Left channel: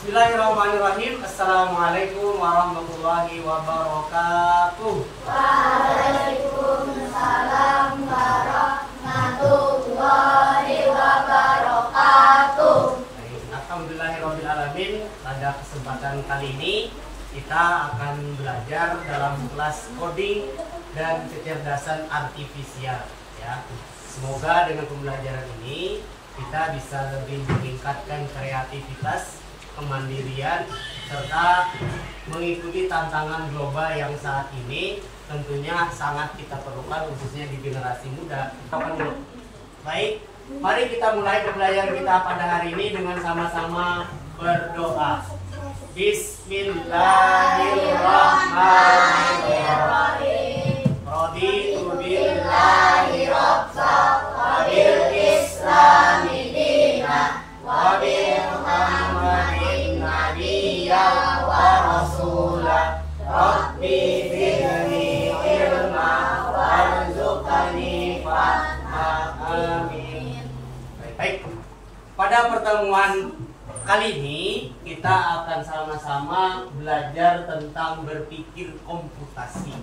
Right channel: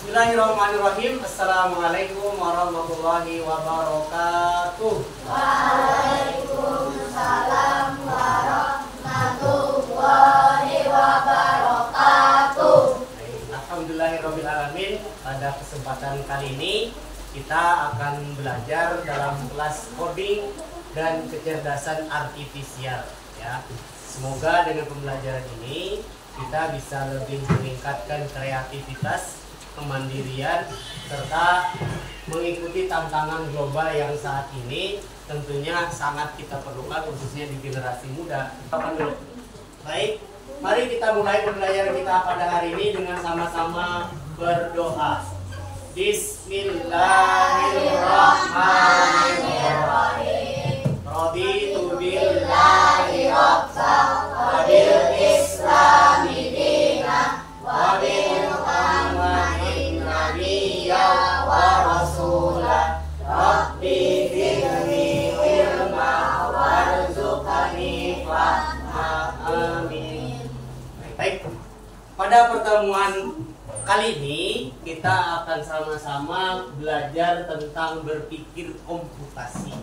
Bismillahirrahmanirrahim. Assalamualaikum warahmatullahi wabarakatuh. Waalaikumsalam warahmatullahi wabarakatuh. Alhamdulillahirrahmanirrahim. Pada kesempatan kali ini kita akan belajar dalam kelas coding dan kecerdasan artifisial. Ya, semoga dengan pembelajaran ini kita bisa lebih meningkatkan kreativitas, kemandirian, serta mengikuti tantangan global yang saat ini tentunya sangat kita perlukan, khususnya di generasi muda. Baik, mari kita mulai pembelajaran kita pada hari ini dengan sama-sama berdoa. Bismillahirrahmanirrahim. Raditu billahi rabbal wa bil islami dinan wa bi Muhammadin nabiyyan wa rasulah. Rabbi zidni ilma warzuqni fahma. Amin. Baik. Pada pertemuan kali ini kita akan sama-sama belajar tentang berpikir komputasi.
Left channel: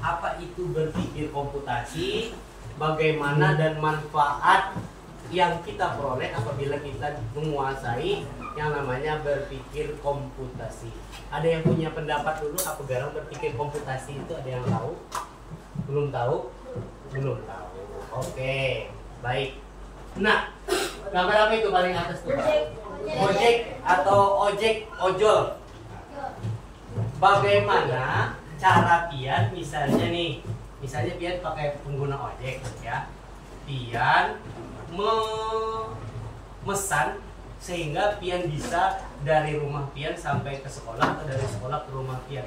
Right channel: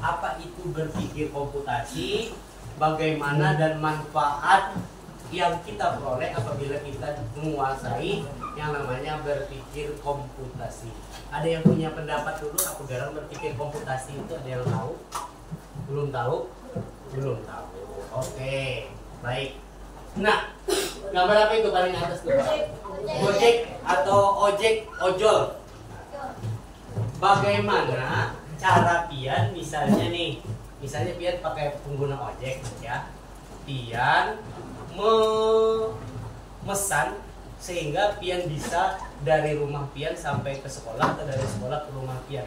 Apa itu berpikir komputasi? Bagaimana dan manfaat yang kita peroleh apabila kita menguasai yang namanya berpikir komputasi. Ada yang punya pendapat dulu apa garang berpikir komputasi itu? Ada yang tahu? Belum tahu? Belum tahu. Oke, baik. Nah, gambar apa itu paling atas tuh? Gojek atau ojek, ojol. Bagaimana cara pian misalnya nih, misalnya pian pakai pengguna ojek ya, pian memesan sehingga pian bisa dari rumah pian sampai ke sekolah atau dari sekolah ke rumah pian.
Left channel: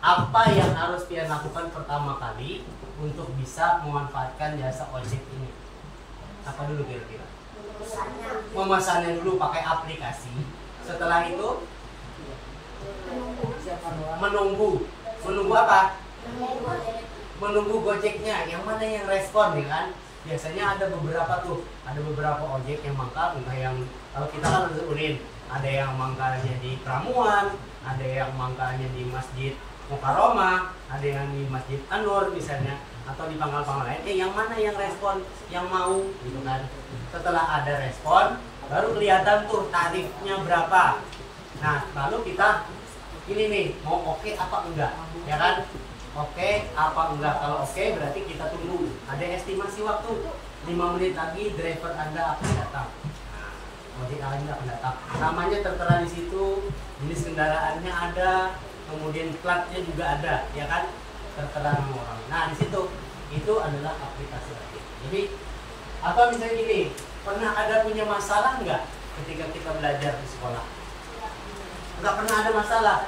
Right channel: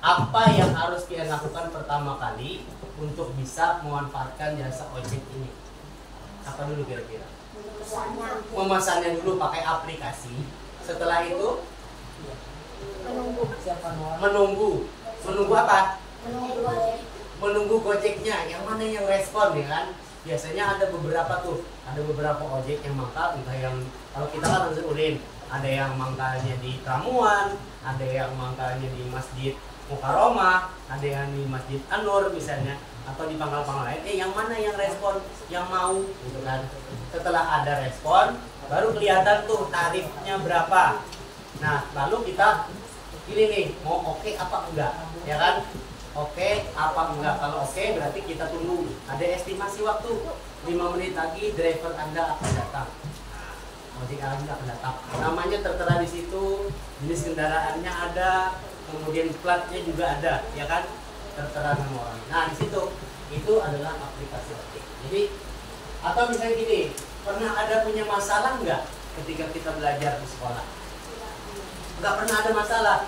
Apa yang harus pian lakukan pertama kali untuk bisa memanfaatkan jasa ojek ini? Apa dulu kira-kira? Memesannya dulu pakai aplikasi. Setelah itu menunggu apa? Menunggu gojeknya. Yang mana yang respon ya kan? Biasanya ada beberapa ojek yang mangkal, entah yang kalau kita kan harus ulin, ada yang mangkalnya di Pramuan, ada yang mangkalnya di Masjid Mukarramah, ada yang di Masjid An-Nur misalnya, atau di pangkal-pangkal lain. Yang mana yang respon, yang mau gitu kan? Setelah ada respon, baru kelihatan tuh tarifnya berapa. Nah, lalu kita pilih nih, mau oke apa enggak, ya kan? Oke apa enggak? Kalau oke berarti kita tunggu. Ada estimasi waktu 5 menit lagi driver Anda akan datang. Ojek Anda akan datang. Namanya tertera di situ, jenis kendaraannya ada, kemudian platnya juga ada, ya kan? Tertera nama orang. Nah di situ itu adalah aplikasi ojek. Jadi atau misalnya gini, pernah ada punya masalah nggak ketika kita belajar di sekolah? Nggak pernah ada masalah.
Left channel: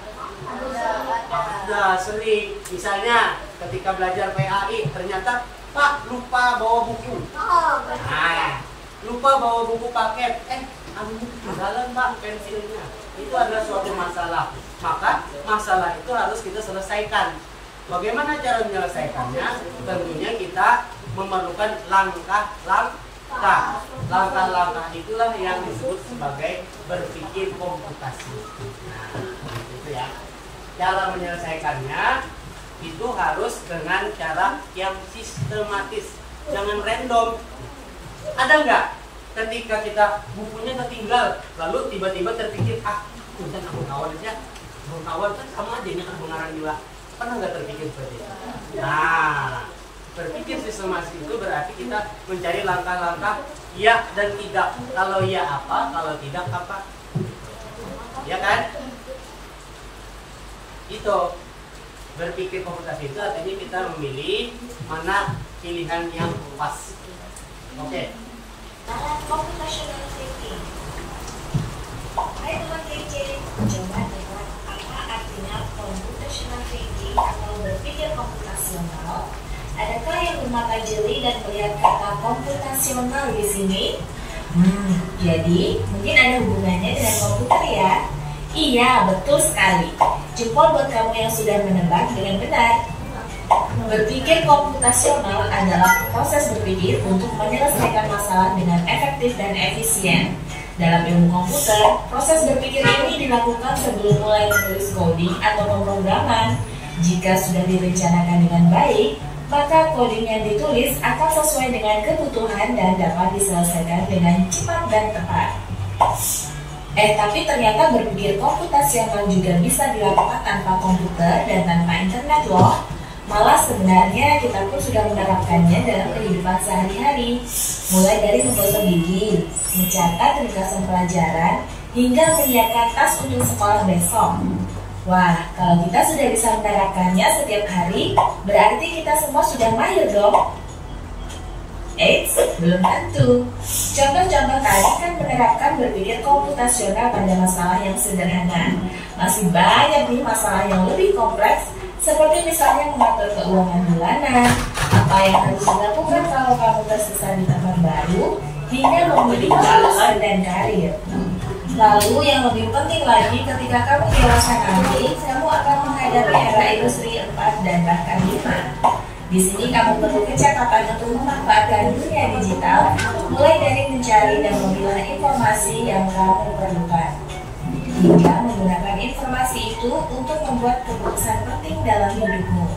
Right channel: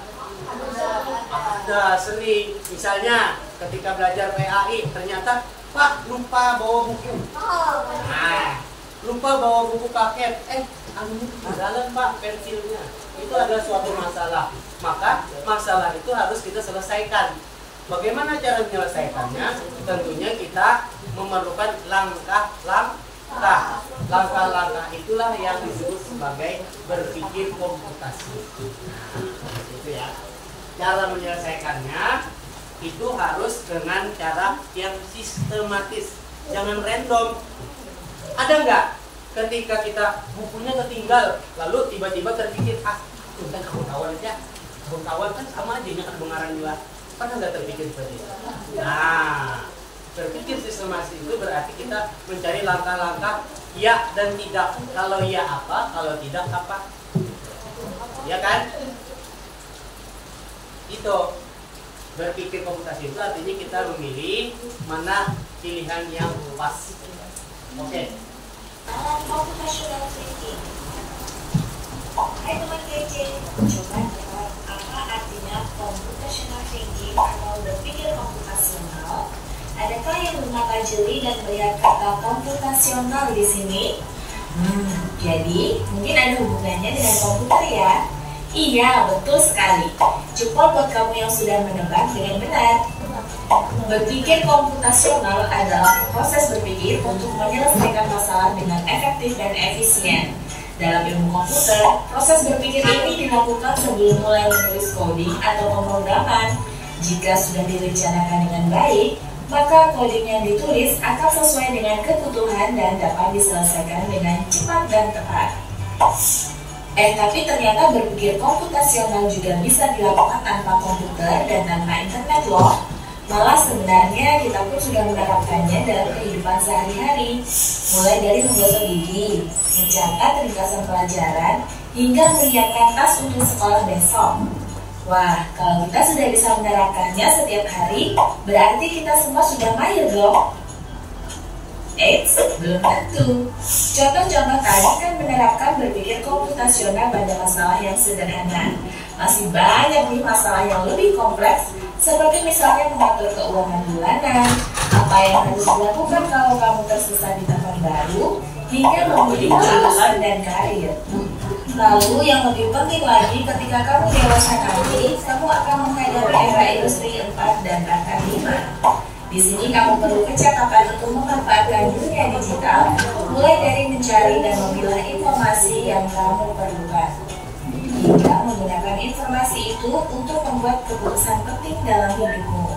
Ada sering, misalnya ketika belajar PAI ternyata Pak lupa bawa buku. Nah, lupa bawa buku paket. Ketinggalan Pak pensilnya. Itu adalah suatu masalah. Maka masalah itu harus kita selesaikan. Bagaimana cara menyelesaikannya? Tentunya kita memerlukan langkah-langkah. Langkah-langkah itulah yang disebut sebagai berpikir komputasi. Nah, itu ya. Cara menyelesaikannya itu harus dengan cara yang sistematis, jangan random. Ada nggak ketika kita bukunya ketinggal, lalu tiba-tiba terpikir udah aku kawan aja, kawan kan sama aja kan pengarang juga. Pernah nggak terpikir seperti itu? Nah, berpikir sistematis itu berarti kita mencari langkah-langkah ya dan tidak. Kalau ya apa, kalau tidak apa, ya kan? Itu berpikir komputasi itu artinya kita memilih mana pilihan yang pas. Oke. Dalam computational thinking. Hai teman kece, coba lihat apa artinya computational thinking atau berpikir komputasional. Adakah yang bermata jeli dan melihat kata komputasional di sini? Jadi mungkin ada hubungannya dengan komputer ya. Iya, betul sekali. Jempol buat kamu yang sudah menebak dengan benar. Berpikir komputasional adalah proses berpikir untuk menyelesaikan masalah dengan efektif dan efisien. Dalam ilmu komputer, proses berpikir ini dilakukan sebelum mulai menulis coding atau pemrograman. Jika sudah direncanakan dengan baik, maka coding yang ditulis akan sesuai dengan kebutuhan dan dapat diselesaikan dengan cepat dan tepat. Tapi ternyata berpikir komputasional juga bisa dilakukan tanpa komputer dan tanpa internet loh. Malah sebenarnya kita pun sudah menerapkannya dalam kehidupan sehari-hari. Mulai dari menggosok gigi, mencatat ringkasan pelajaran, hingga menyiapkan tas untuk sekolah besok. Wah, kalau kita sudah bisa menerapkannya setiap hari, berarti kita semua sudah mahir dong. Eits, belum tentu. Contoh-contoh tadi kan menerapkan berpikir komputasional pada masalah yang sederhana. Masih banyak nih masalah yang lebih kompleks, seperti misalnya mengatur keuangan bulanan, apa yang harus dilakukan kalau kamu tersesat di tempat baru, hingga memilih jurusan dan karir. Lalu yang lebih penting lagi, ketika kamu dewasa nanti, kamu akan menghadapi era industri 4 dan bahkan 5. Di sini kamu perlu kecakapan untuk memanfaatkan dunia digital, mulai dari mencari dan memilah informasi yang kamu perlukan, hingga menggunakan informasi itu untuk membuat keputusan penting dalam hidupmu.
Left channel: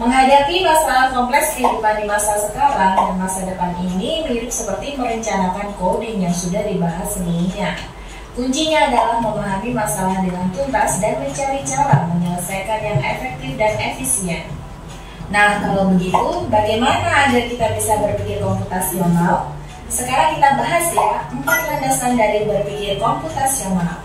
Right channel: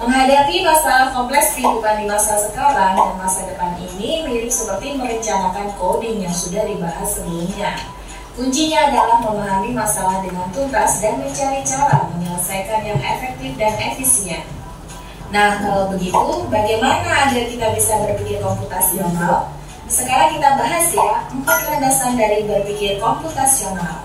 Menghadapi masalah kompleks kehidupan di masa sekarang dan masa depan ini mirip seperti merencanakan coding yang sudah dibahas sebelumnya. Kuncinya adalah memahami masalah dengan tuntas dan mencari cara menyelesaikan yang efektif dan efisien. Nah, kalau begitu, bagaimana agar kita bisa berpikir komputasional? Sekarang kita bahas ya, 4 landasan dari berpikir komputasional.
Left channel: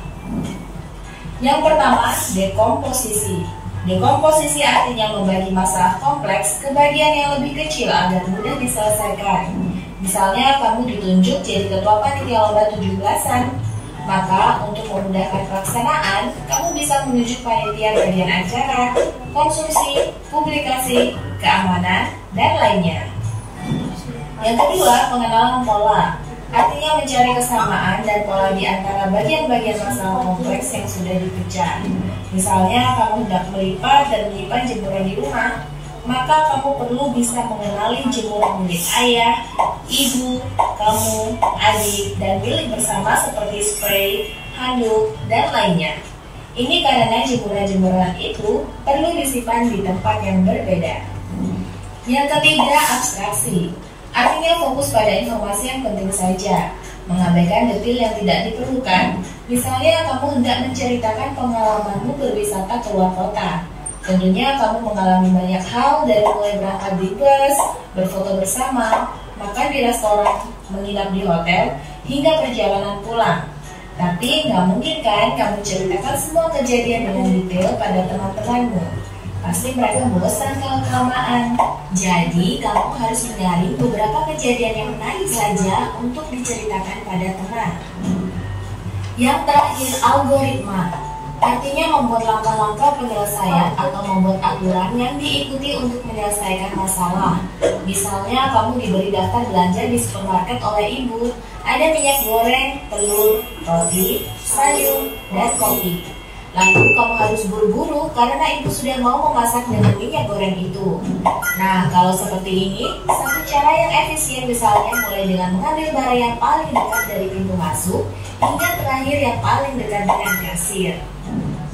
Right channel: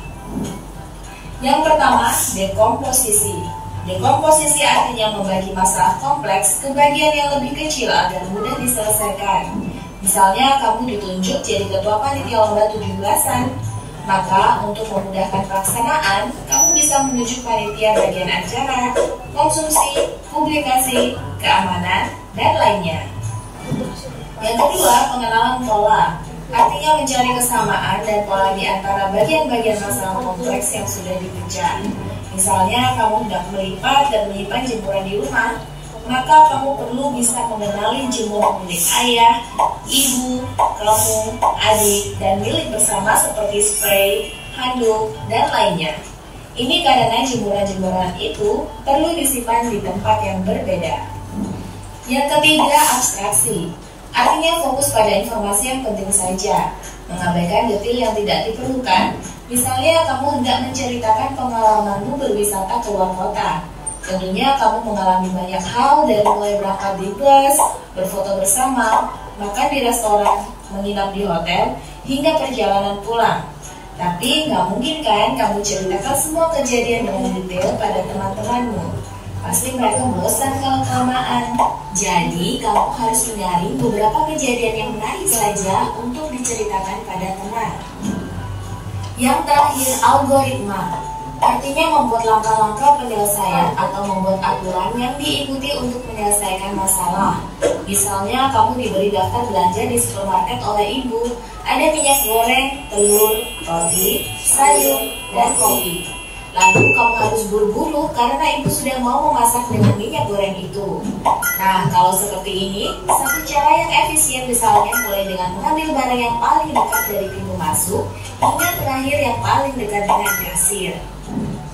Yang pertama, dekomposisi. Dekomposisi artinya membagi masalah kompleks ke bagian yang lebih kecil agar mudah diselesaikan. Misalnya, kamu ditunjuk jadi ketua panitia lomba 17-an. Maka, untuk memudahkan pelaksanaan, kamu bisa menunjuk panitia bagian acara, konsumsi, publikasi, keamanan, dan lainnya. Yang kedua, pengenalan pola. Artinya mencari kesamaan dan pola di antara bagian-bagian masalah kompleks yang sudah dipecah. Misalnya, kamu hendak melipat dan menyimpan jemuran di rumah, maka kamu perlu bisa mengenali jemuran milik ayah, ibu, kamu, adik, dan milik bersama seperti spray, handuk, dan lainnya. Ini karena jemuran-jemuran itu perlu disimpan di tempat yang berbeda. Yang ketiga, abstraksi. Artinya fokus pada informasi yang penting saja, mengabaikan detail yang tidak diperlukan. Misalnya, kamu hendak menceritakan pengalamanmu berwisata ke luar kota. Tentunya kamu mengalami banyak hal, dari mulai berangkat di bus, berfoto bersama, makan di restoran, menginap di hotel, hingga perjalanan pulang. Tapi nggak mungkin kan kamu ceritakan semua kejadian dengan detail pada teman-temanmu. Pasti mereka bosan kalau kelamaan. Jadi kamu harus menyaring beberapa kejadian yang menarik saja untuk diceritakan pada teman. Yang terakhir, algoritma. Artinya membuat langkah-langkah penyelesaian atau membuat aturan yang diikuti untuk menyelesaikan masalah. Misalnya kamu diberi daftar belanja di supermarket oleh ibu. Ada minyak goreng, telur, roti, sayur, dan kopi. Lalu kamu harus buru-buru karena ibu sudah mau memasak dengan minyak goreng itu. Nah, kalau seperti ini, satu cara yang efisien misalnya mulai dengan mengambil barang yang paling dekat dari pintu masuk hingga terakhir yang paling dekat dengan kasir.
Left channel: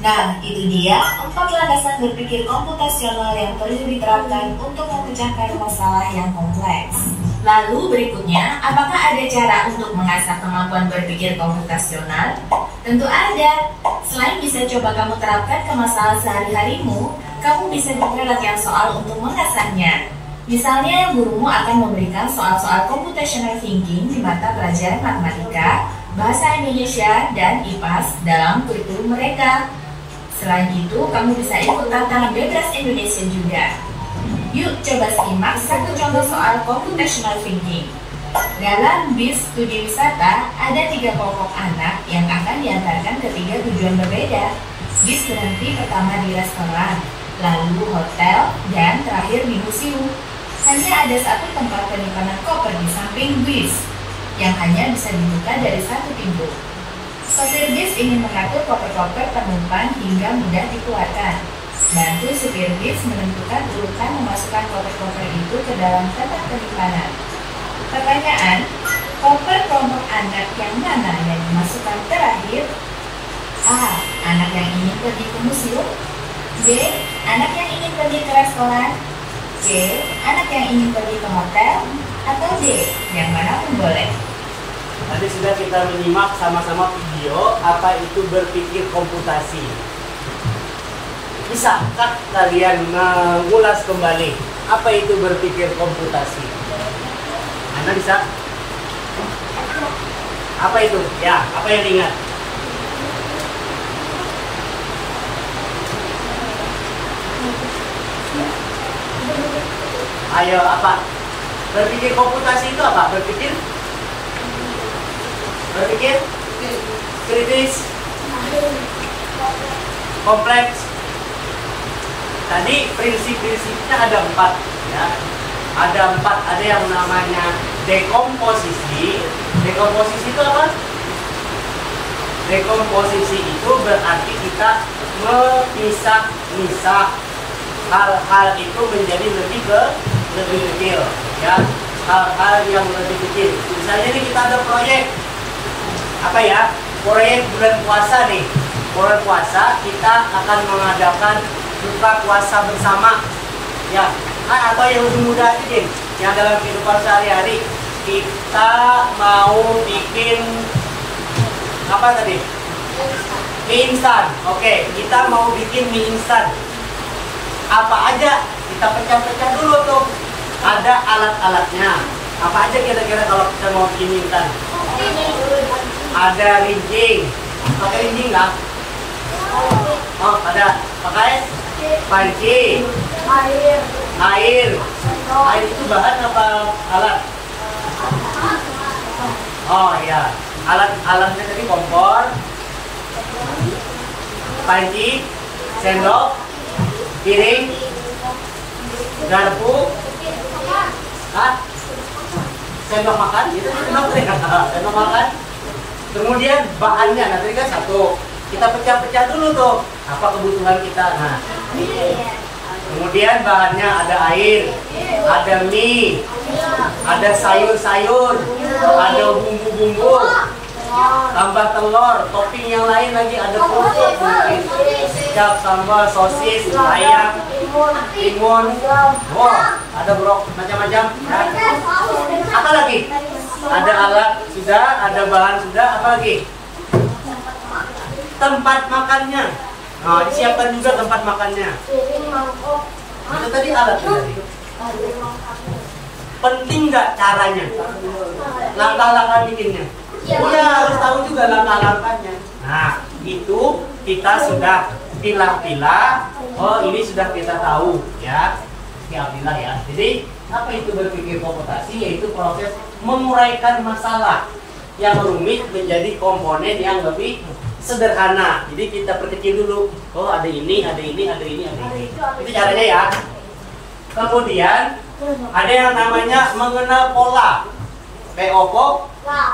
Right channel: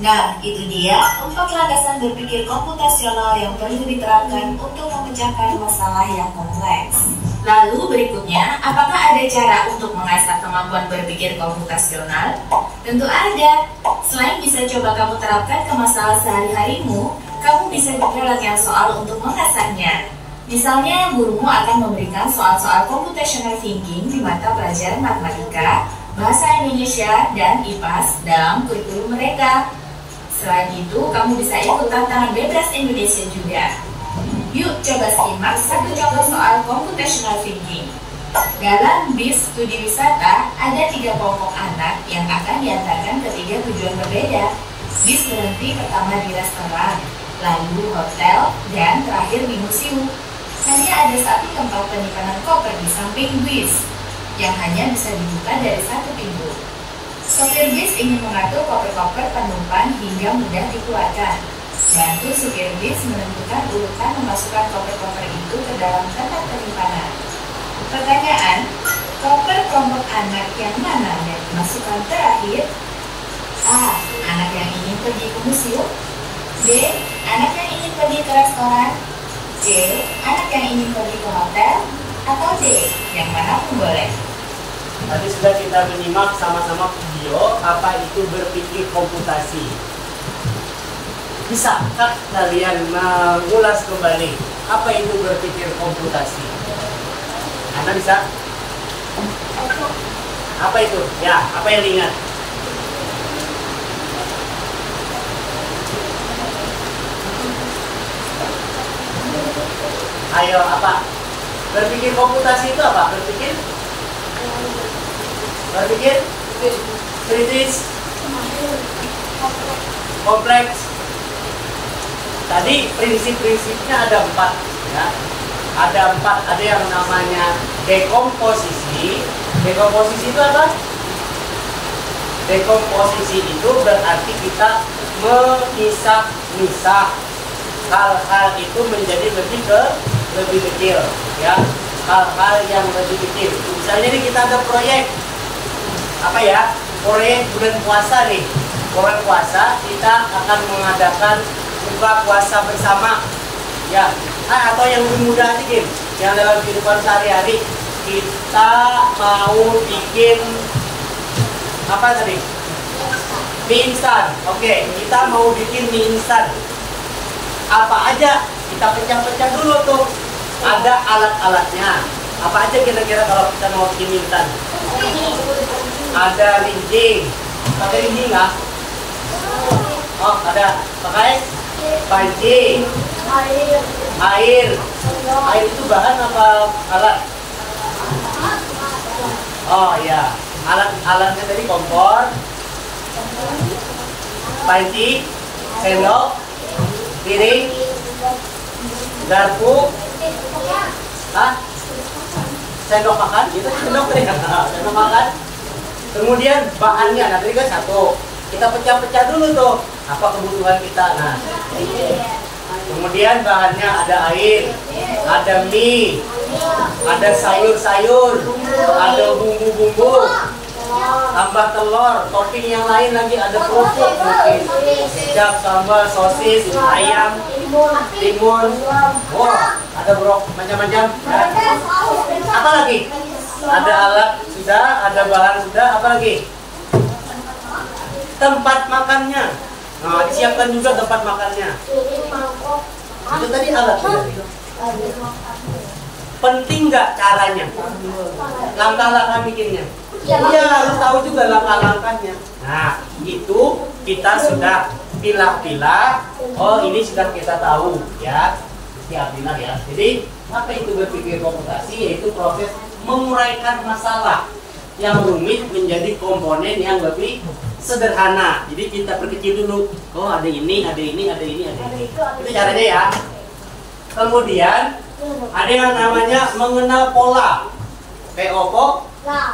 Nah, itu dia 4 landasan berpikir komputasional yang perlu diterapkan untuk memecahkan masalah yang kompleks. Lalu berikutnya, apakah ada cara untuk mengasah kemampuan berpikir komputasional? Tentu ada. Selain bisa coba kamu terapkan ke masalah sehari-harimu, kamu bisa juga latihan soal untuk mengasahnya. Misalnya, gurumu akan memberikan soal-soal computational thinking di mata pelajaran matematika, bahasa Indonesia, dan IPAS dalam kurikulum mereka. Selain itu, kamu bisa ikut tantangan bebas Indonesia juga. Yuk coba simak satu contoh soal computational thinking. Dalam bis studi wisata, ada 3 kelompok anak yang akan diantarkan ke 3 tujuan berbeda. Bis berhenti pertama di restoran, lalu hotel, dan terakhir di museum. Hanya ada satu tempat penyimpanan koper di samping bis, yang hanya bisa dibuka dari satu pintu. Sopir bis ingin mengatur koper-koper penumpang hingga mudah dikeluarkan. Bantu supir bis menentukan urutan memasukkan koper-koper itu ke dalam tempat penyimpanan. Pertanyaan, Koper kelompok anak yang mana yang dimasukkan terakhir? A. Anak yang ingin pergi ke museum. B. Anak yang ingin pergi ke restoran. C. Anak yang ingin pergi ke hotel. Atau D. Yang mana pun boleh. Tadi sudah kita menyimak sama-sama video apa itu berpikir komputasi. Bisakah kalian mengulas kembali apa itu berpikir komputasi? Anda bisa? Apa itu? Ya, apa yang diingat? Ayo, apa? Berpikir komputasi itu apa? Berpikir kritis, kompleks. Tadi prinsip-prinsipnya ada 4, ya. Ada 4. Ada yang namanya dekomposisi. Dekomposisi itu apa? Dekomposisi itu berarti kita memisah-misah hal-hal itu menjadi lebih kecil, ya. Hal-hal yang lebih kecil. Misalnya nih kita ada proyek apa ya? Proyek bulan puasa nih. Bulan puasa kita akan mengadakan buka puasa bersama, ya. Atau yang lebih mudah aja, Kim, yang dalam kehidupan sehari-hari kita mau bikin apa tadi? Mie instan. Oke, kita mau bikin mie instan. Apa aja? Kita pecah-pecah dulu tuh. Ada alat-alatnya. Apa aja kira-kira kalau kita mau bikin mie instan? Ada rincing. Pakai rincing nggak? Oh, ada. Pakai panci. Air itu bahan apa alat? Oh iya, alatnya tadi kompor, panci, sendok, piring, garpu, sendok makan, itu sendok tadi, sendok makan. Kemudian bahannya, nah tadi kan 1, kita pecah-pecah dulu tuh, apa kebutuhan kita. Nah, kemudian bahannya ada air, ada mie, ada sayur-sayur, ada bumbu-bumbu, tambah telur, topping yang lain lagi, ada kerupuk, kecap, sambal, sosis, ayam, timun, ada brok, macam-macam. Ya. Apa lagi? Ada alat sudah, ada bahan sudah, apa lagi? Tempat makannya. Nah, disiapkan juga tempat makannya. Itu tadi alat tadi. Penting nggak caranya? Langkah-langkah bikinnya? Iya, harus tahu juga langkah-langkahnya. Nah, itu kita sudah pilah-pilah. Oh, ini sudah kita tahu, ya. Pilah-pilah ya. Jadi, apa itu berpikir komputasi? Yaitu proses menguraikan masalah yang rumit menjadi komponen yang lebih sederhana. Jadi kita perkecil dulu. Oh, ada ini, ada ini, ada ini, ada ini. Itu caranya ya. Kemudian ada yang namanya mengenal pola. POPO,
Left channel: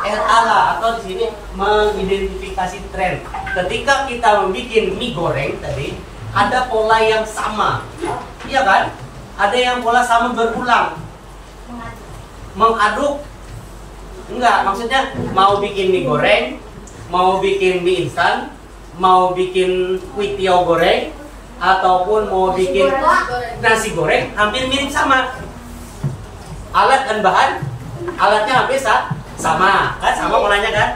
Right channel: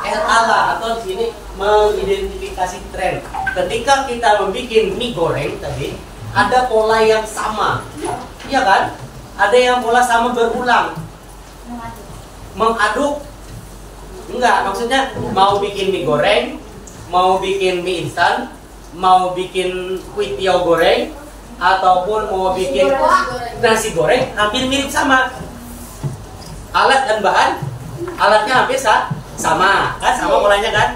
LALA, atau di sini mengidentifikasi tren. Ketika kita membuat mie goreng tadi, ada pola yang sama. Iya kan? Ada yang pola sama berulang. Mengaduk. Enggak, maksudnya mau bikin mie goreng, mau bikin mie instan, mau bikin kuitiau goreng, ataupun mau bikin nasi goreng, hampir mirip sama. Alat dan bahan, alatnya hampir sama, kan sama polanya kan?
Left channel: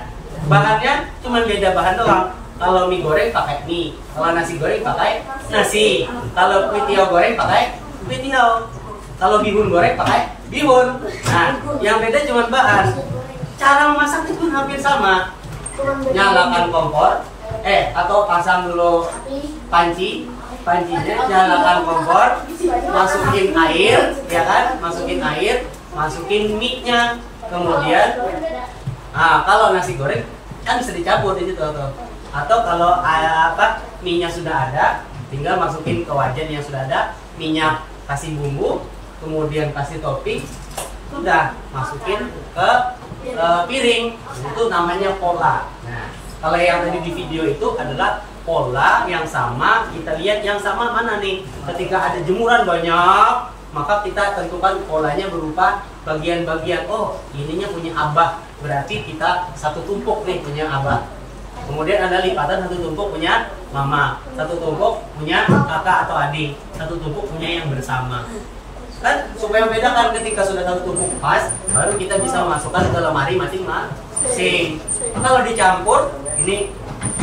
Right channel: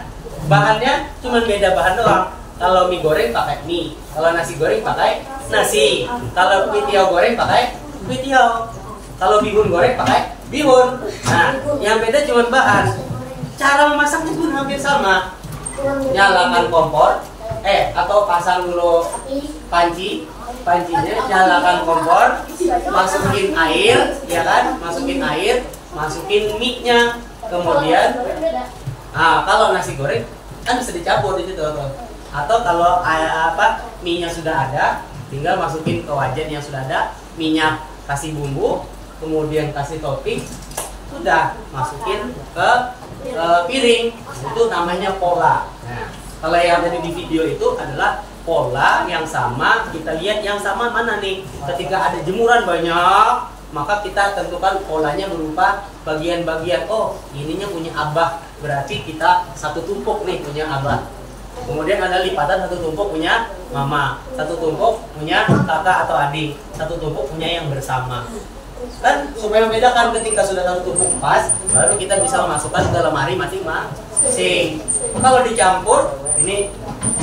Bahannya cuma beda bahan doang. Kalau mie goreng pakai mie, kalau nasi goreng pakai nasi, kalau kuitiau goreng pakai kuitiau, kalau bihun goreng pakai bihun. Nah, yang beda cuma bahan. Cara memasaknya pun hampir sama. Nyalakan kompor, atau pasang dulu pancinya, nyalakan kompor, masukin air, ya kan? Masukin mie-nya, kemudian, kalau nasi goreng kan bisa dicampur di situ tuh. Atau kalau mie-nya sudah ada, tinggal masukin ke wajan yang sudah ada, minyak, kasih bumbu, kemudian kasih topping, sudah masukin ke piring. Itu namanya pola. Nah, kalau yang tadi di video itu adalah pola yang sama. Kita lihat yang sama mana nih. Ketika ada jemuran banyak, maka kita tentukan polanya berupa bagian-bagian. Oh, ininya punya abah, berarti kita satu tumpuk nih punya abah. Kemudian ada lipatan satu tumpuk punya mama, satu tumpuk punya kakak atau adik, satu tumpuk punya yang bersama. Kan supaya membedakan ketika sudah satu tumpuk pas, baru kita bisa memasukkan ke lemari masing-masing. Kalau dicampur, ini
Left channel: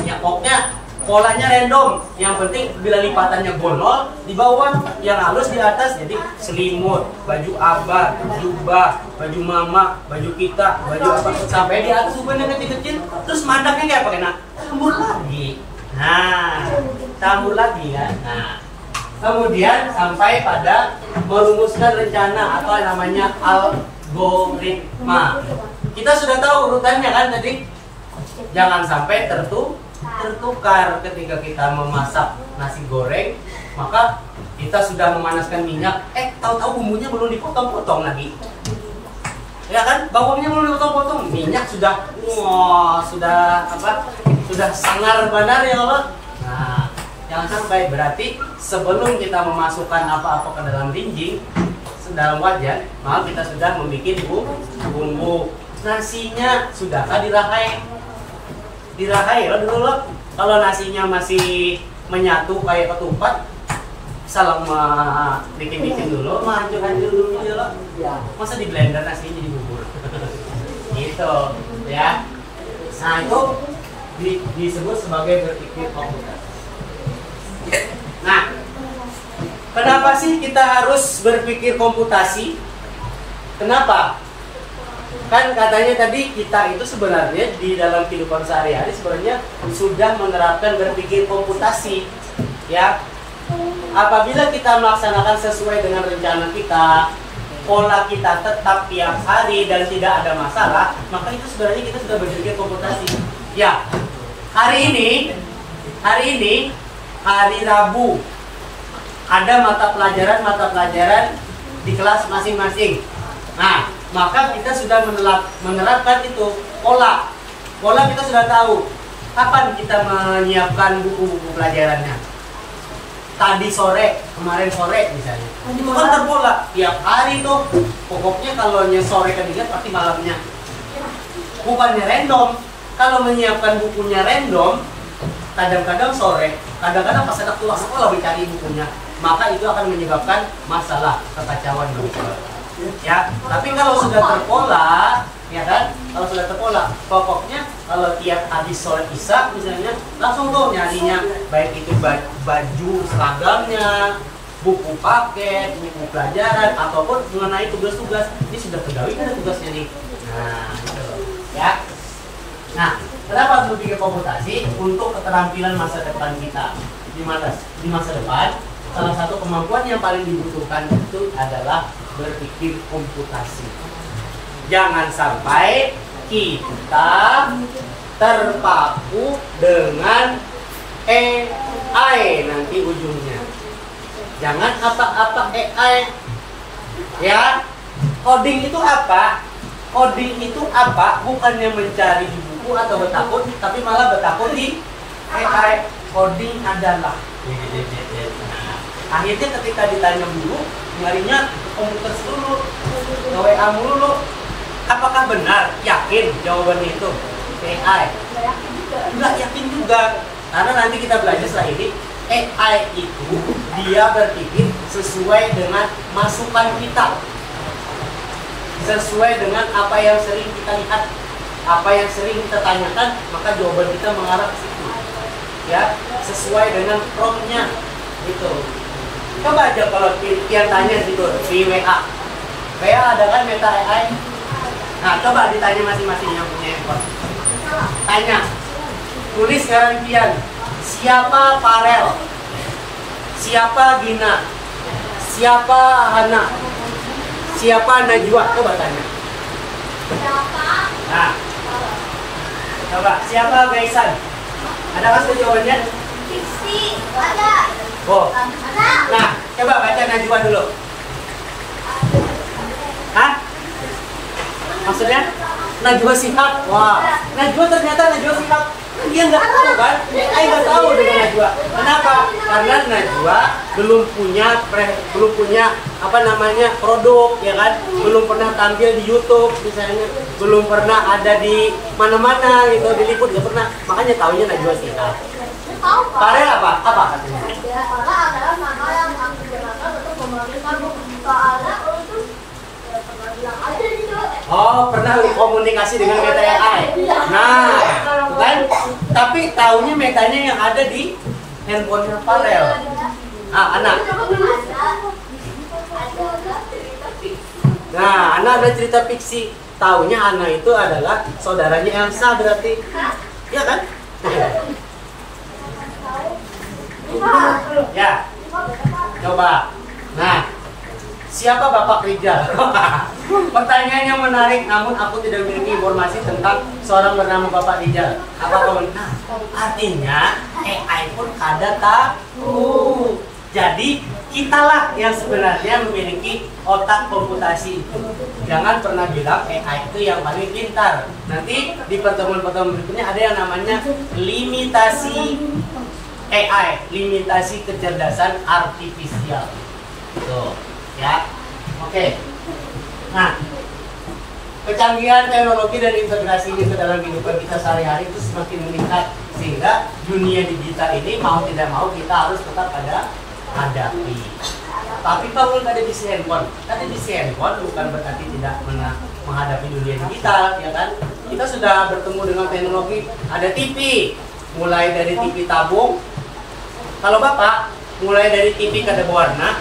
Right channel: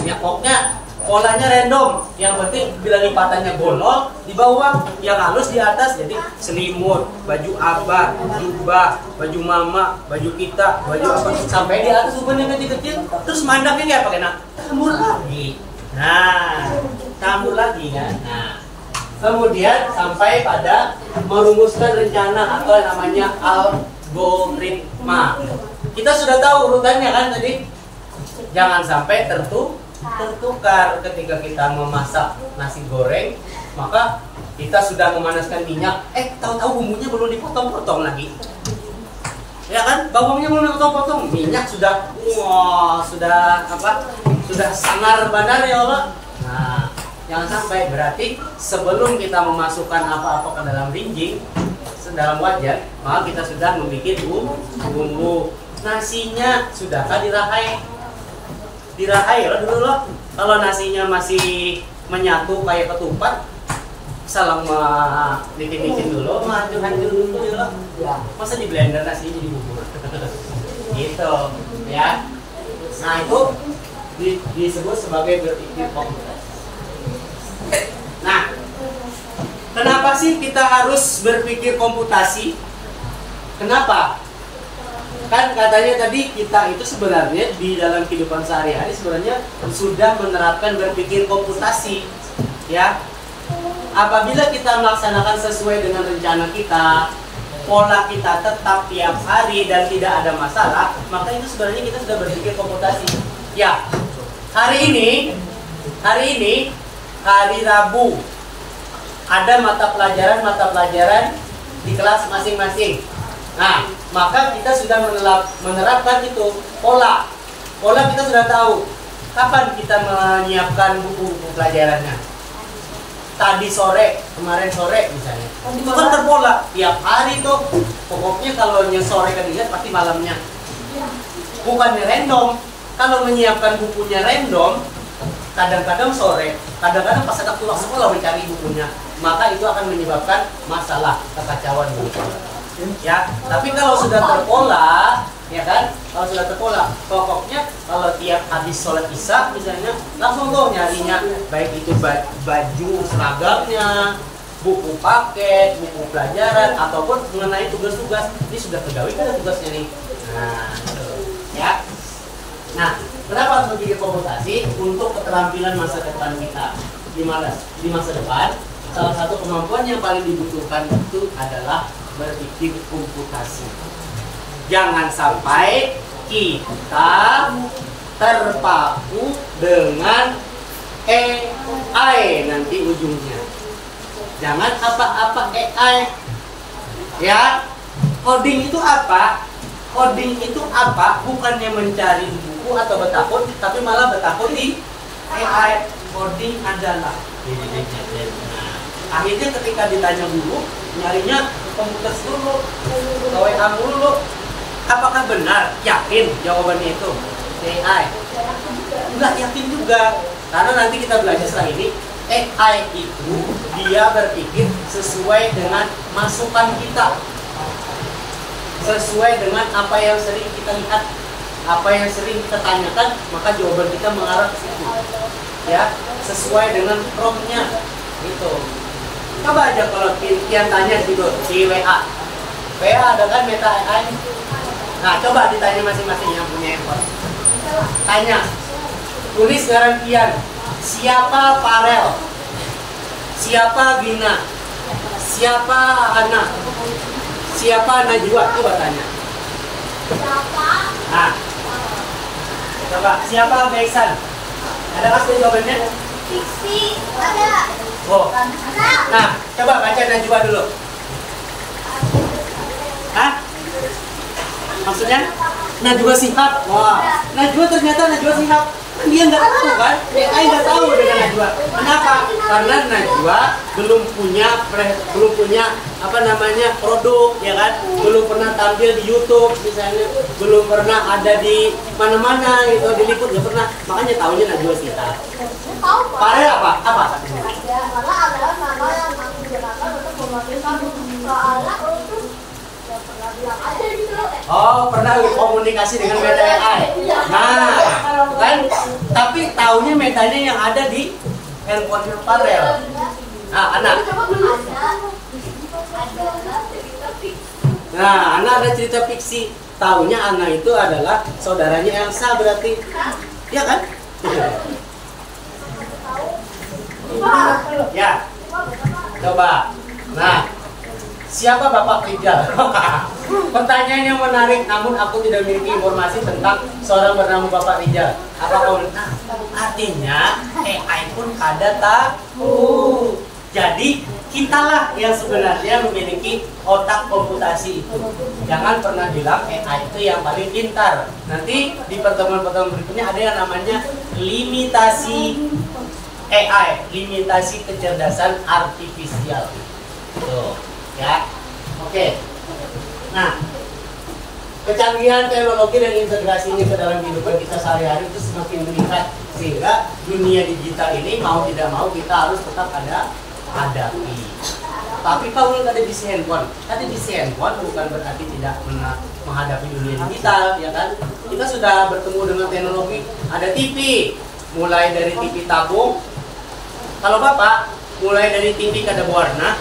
nyakoknya polanya random. Yang penting bila lipatannya bolong di bawah, yang halus di atas. Jadi selimut, baju abah, jubah, baju mama, baju kita, baju apa sampai di atas uban yang kecil-kecil. Terus mandangnya kayak pakai tambur lagi. Nah, tambur lagi kan. Nah, kemudian sampai pada merumuskan rencana atau yang namanya algoritma. Kita sudah tahu urutannya kan tadi. Jangan sampai tertukar ketika kita memasak nasi goreng, maka kita sudah memanaskan minyak, tahu-tahu bumbunya belum dipotong-potong lagi. Ya kan? Bawangnya belum dipotong-potong, minyak sudah sudah sanar-banar ya Allah. Nah, jangan sampai, berarti sebelum kita memasukkan apa-apa ke dalam rinjing, dalam wajan, maka kita sudah membuat bumbu. Nasinya sudahkah dirahai? Dirahai ya dulu loh. Kalau nasinya masih menyatu kayak ketupat, salam bikin dulu, hancur dulu loh. Ya, masa di blender nasinya jadi bubur. Gitu, ya. Nah, itu disebut sebagai berpikir komputasi. Nah, kenapa sih kita harus berpikir komputasi? Kenapa? Kan katanya tadi kita itu sebenarnya di dalam kehidupan sehari-hari sebenarnya sudah menerapkan berpikir komputasi, ya. Apabila kita melaksanakan sesuai dengan rencana kita, pola kita tetap tiap hari dan tidak ada masalah, maka itu sebenarnya kita sudah berpikir komputasi. Ya, hari ini hari Rabu ada mata pelajaran di kelas masing-masing. Nah, maka kita sudah menerapkan itu pola kita sudah tahu kapan kita menyiapkan buku-buku pelajarannya. Kemarin sore misalnya, itu kan terpola tiap hari tuh. Pokoknya kalau sore kedinginan pasti malamnya. Bukannya random. Kalau menyiapkan bukunya random, kadang-kadang sore, kadang-kadang pas ada pulang sekolah mencari bukunya, maka itu akan menyebabkan masalah kekacauan buku. Ya, tapi kalau sudah terpola, ya kan? Kalau sudah terpola, pokoknya kalau tiap habis sholat isya misalnya, langsung tuh nyarinya, baik itu baju seragamnya, buku paket, buku pelajaran, ataupun mengenai tugas-tugas. Ini sudah tergawi kan tugasnya nih. Nah, gitu. Ya. Nah, kenapa harus berpikir komputasi? Untuk keterampilan masa depan kita. Di masa depan, salah satu kemampuan yang paling dibutuhkan itu adalah berpikir komputasi. Jangan sampai kita terpaku dengan AI nanti ujungnya. Jangan apa-apa AI. Ya, coding itu apa? Coding itu apa? Bukannya mencari di buku atau bertakun, tapi malah bertakun di AI. Coding adalah. Nah, akhirnya ketika ditanya dulu, nyarinya komputer dulu, ke WA dulu. Apakah benar? Yakin jawabannya itu AI? Enggak yakin juga. Karena nanti kita belajar setelah ini, AI itu dia berpikir sesuai dengan masukan kita, sesuai dengan apa yang sering kita lihat, apa yang sering kita tanyakan, maka jawaban kita mengarah ke situ. Ya, sesuai dengan promptnya. Gitu. Coba aja kalau Kian tanya di WA ada kan Meta AI? Nah, coba ditanya masing-masing yang punya handphone. Tanya, tulis sekarang Kian, siapa Farel? Siapa Gina? Siapa Hana? Siapa Najwa? Coba tanya. Nah, coba siapa Gaisan? Ada nggak jawabannya? Fiksi, ada. Oh. Nah, coba baca Najwa dulu. Hah? Maksudnya? Najwa Shihab. Wah, Najwa ternyata Najwa Shihab. Dia nggak tahu kan? AI nggak tahu dengan Najwa. Kenapa? Karena Najwa belum punya apa namanya produk, ya kan? Belum pernah tampil di YouTube misalnya, belum pernah ada di mana-mana gitu, diliput nggak pernah. Makanya tahunya Najwa Shihab. Pare apa? Apa katanya? Karena adalah nama yang aku gunakan untuk memanggil kamu. Soalnya untuk ya pernah bilang aja gitu. Oh, pernah komunikasi dengan Meta AI. Nah, kan? Tapi taunya metanya yang ada di handphone Farel. Ah, anak. Nah, anak ada cerita fiksi. Taunya anak itu adalah saudaranya Elsa berarti. Ya kan? Ya. Coba. Nah, siapa Bapak Rijal? Pertanyaan yang menarik, namun aku tidak memiliki informasi tentang seorang bernama Bapak Rijal. Apa kau? Nah, artinya AI pun kada tahu. Jadi kitalah yang sebenarnya memiliki otak komputasi itu. Jangan pernah bilang AI itu yang paling pintar. Nanti di pertemuan-pertemuan berikutnya ada yang namanya limitasi AI, limitasi kecerdasan artifisial. Tuh, ya. Oke. Nah, kecanggihan teknologi dan integrasi ini ke dalam kehidupan kita sehari-hari itu semakin meningkat, sehingga dunia digital ini mau tidak mau kita harus tetap hadapi. Tapi kalau nggak ada di handphone, bukan berarti tidak pernah menghadapi dunia digital, ya kan? Kita sudah bertemu dengan teknologi, ada TV, mulai dari TV tabung. Kalau Bapak, mulai dari TV kada berwarna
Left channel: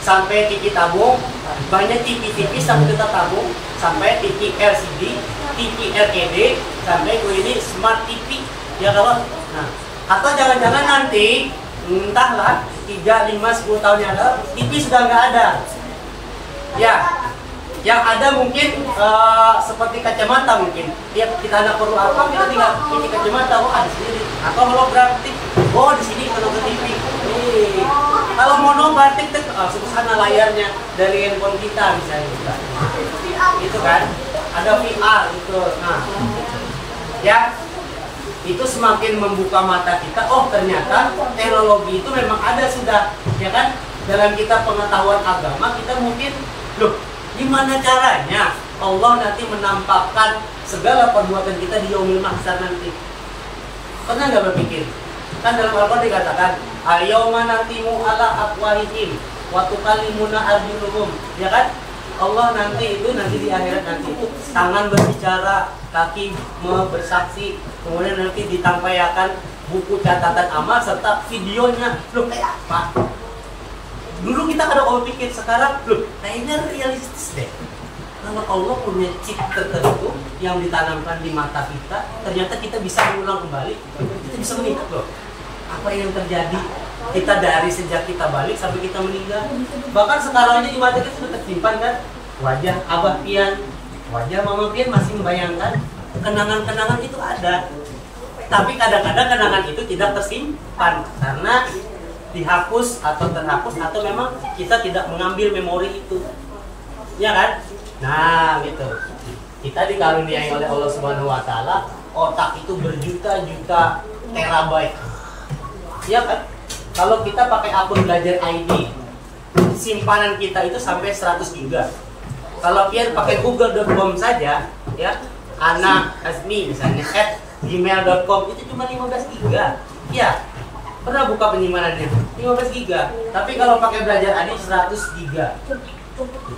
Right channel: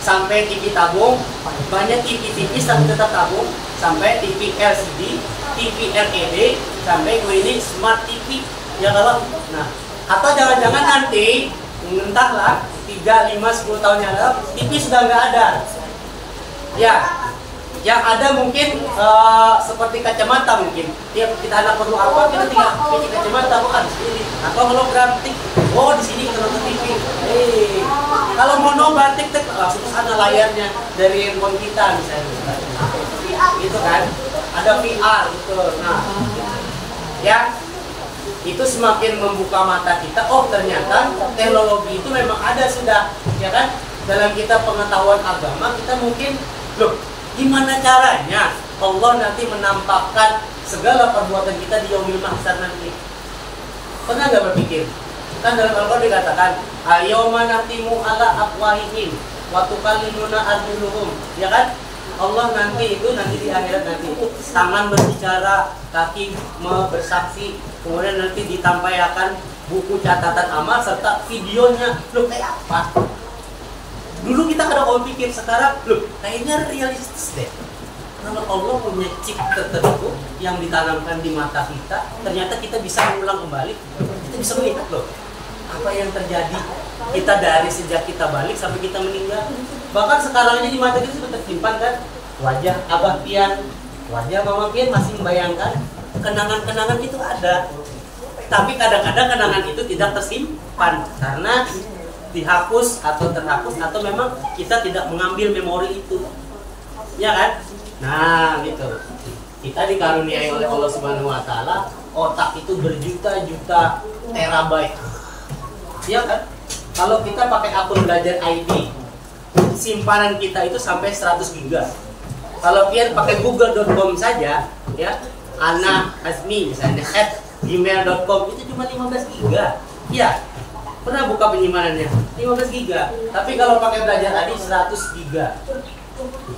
sampai TV tabung, banyak TV sampai tetap tabung, sampai TV LCD, TV LED, sampai ini smart TV, ya kalau. Nah, atau jangan-jangan nanti entahlah 3, 5, 10 tahun yang lalu TV sudah nggak ada. Ya, yang ada mungkin seperti kacamata mungkin. Ya, kita anak perlu apa, kita tinggal bikin kacamata, oh ada sini. Atau holografik, oh di sini kalau ke TV. Kalau monogratik langsung sana layarnya dari handphone kita misalnya. Itu kan, ada VR gitu. Nah, ya. Itu semakin membuka mata kita, oh ternyata teknologi itu memang ada sudah, ya kan? Dalam kita pengetahuan agama, kita mungkin, loh, gimana caranya Allah nanti menampakkan segala perbuatan kita di yaumil mahsyar nanti? Pernah nggak berpikir? Kan dalam Al-Quran dikatakan, al-yawma nahtimu ala afwahihim wa tukallimuna arjuluhum, ya kan? Allah nanti di akhirat nanti itu tangan berbicara, kaki bersaksi, kemudian nanti ditampaikan buku catatan amal serta videonya. Loh, kayak apa? Dulu kita kada mau pikir, sekarang loh kayaknya realistis deh. Kalau Allah punya chip tertentu yang ditanamkan di mata kita, ternyata kita bisa mengulang kembali, kita bisa melihat loh apa yang terjadi kita dari sejak kita balik sampai kita meninggal. Bahkan sekarang aja di mata kita sudah tersimpan kan wajah Abah Pian, wajah Mama Pian masih membayangkan kenangan-kenangan itu ada. Tapi kadang-kadang kenangan itu tidak tersimpan karena dihapus atau terhapus atau memang kita tidak mengambil memori itu. Ya kan? Nah, gitu. Kita dikaruniai oleh Allah Subhanahu wa taala otak itu berjuta-juta terabyte. Ya kan? Kalau kita pakai akun belajar ID, simpanan kita itu sampai 100 giga. Kalau Pian pakai google.com saja, ya, Ana Asmi misalnya @gmail.com itu cuma 15 giga. Ya, pernah buka penyimpanannya 15 giga. Tapi kalau pakai belajar ID 100 giga.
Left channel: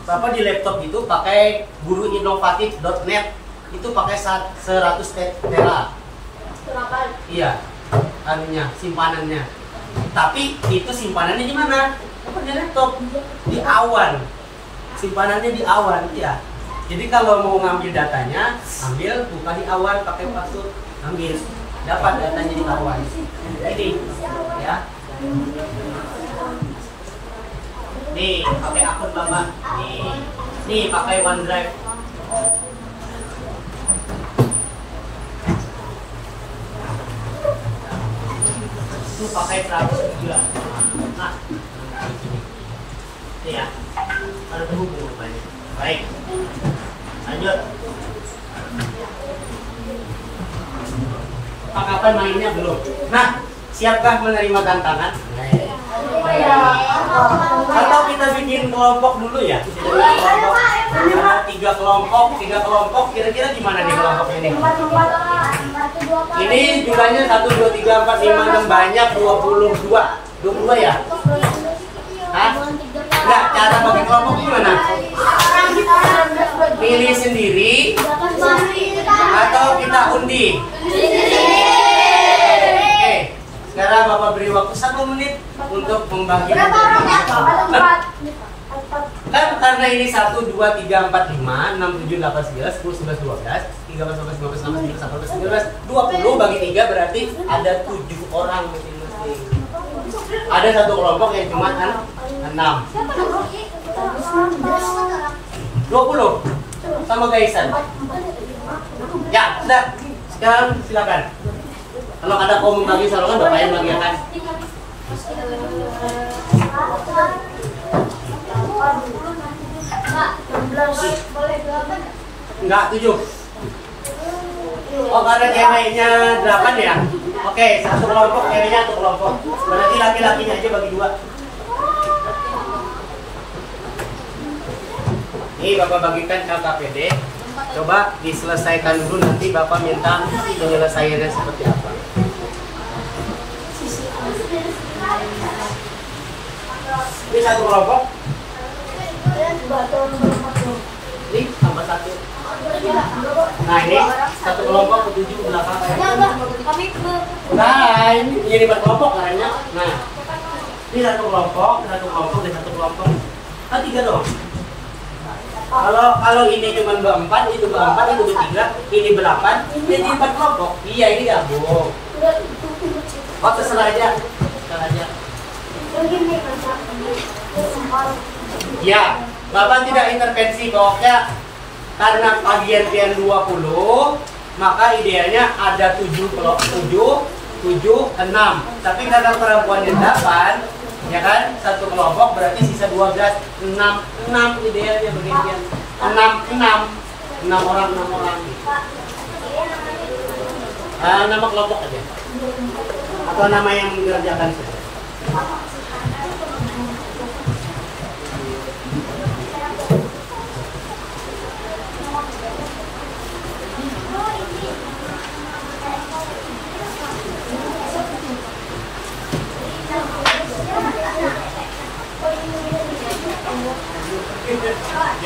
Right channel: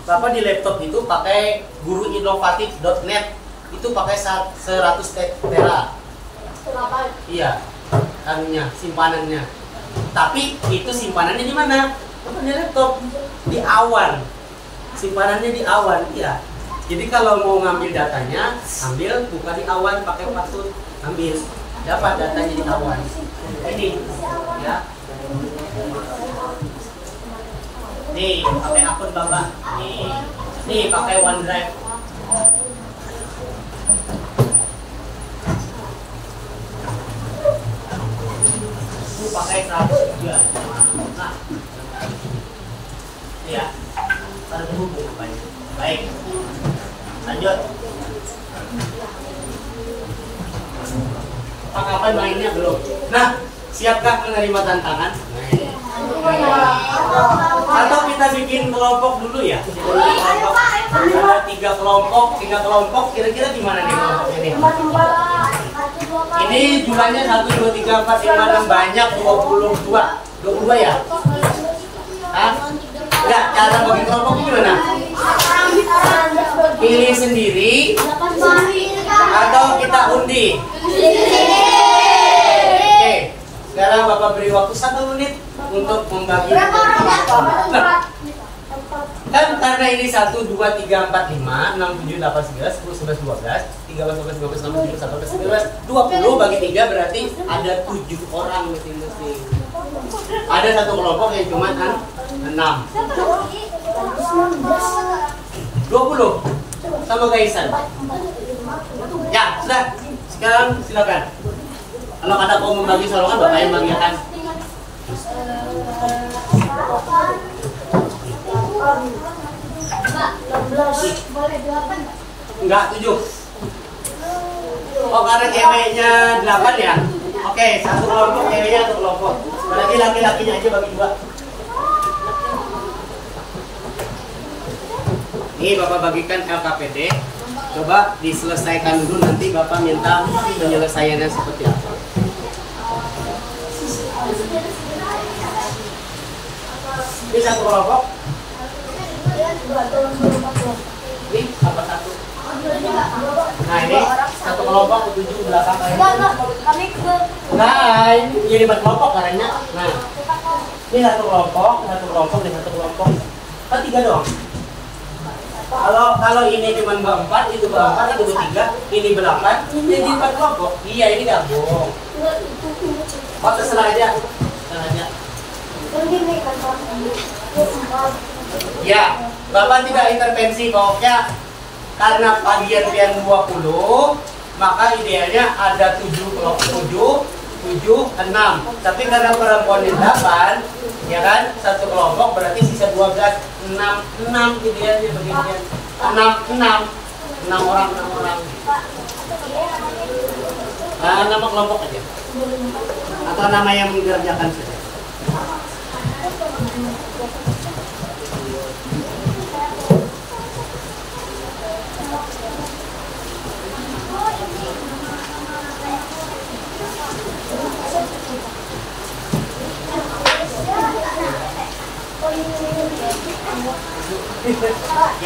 Apa di laptop itu pakai guruinovatif.net itu pakai 100 tera. Iya, anunya, simpanannya. Tapi itu simpanannya di mana? Bukan di laptop, di awan. Simpanannya di awan, ya. Jadi kalau mau ngambil datanya, ambil, buka di awan, pakai password, ambil, dapat datanya di awan. Ini, ya. Nih, pakai akun Bapak. Nih pakai OneDrive. Itu pakai 100 giga. Nah, ini ya. Ada terhubung apa ini? Baik. Lanjut. Kapan mainnya belum? Nah, siapkah menerima tantangan? Atau kita bikin kelompok dulu ya? Kelompok. Ada 3 kelompok. Kira-kira gimana nih kelompok ini? Ini jumlahnya 1, 2, 3, 4, 5, 6 banyak 22. 22 ya? Hah? Enggak, cara bagi kelompok gimana? Pilih sendiri atau kita undi? Oke, sekarang Bapak beri waktu 1 menit untuk membagi. Kan karena ini 1, 2, 3, 4, 5, 6, 7, 8, 9, 10, 11, 12, 13, 14, 15, 16, 17, 18, 19, 20 bagi 3 berarti ada 7 orang masing-masing. Ada satu kelompok yang cuma 6. 20 sama Gaisan. Ya, sudah. Sekarang silakan. Kalau ada mau membagi salongan, Bapak yang bagikan. Enggak, 7. Oh, karena ceweknya 8 ya? Oke, satu kelompok, ceweknya satu kelompok. Berarti laki-lakinya aja bagi 2. Ini Bapak bagikan LKPD. Coba diselesaikan dulu, nanti Bapak minta penyelesaiannya seperti apa. Ini satu kelompok. Ini tambah 1. Nah, ini satu kelompok ke 7 belakang kayak gitu. Nah, ini jadi 4 kelompok karena. Nah, ini satu kelompok, dan satu kelompok. Kan 3 dong. Kalau ini cuma berempat, itu berempat, itu bertiga, ini ber8, jadi 4 kelompok. Iya, ini gabung. Oh, terserah aja. Ya, Bapak tidak intervensi pokoknya. Karena bagian pian 20, maka idealnya ada 7 kelompok, 7, 6. Tapi karena perempuannya 8, ya kan, satu kelompok berarti sisa 12, 6 idealnya bagian 6 orang. Nah, nama kelompok aja atau nama yang mengerjakan saja.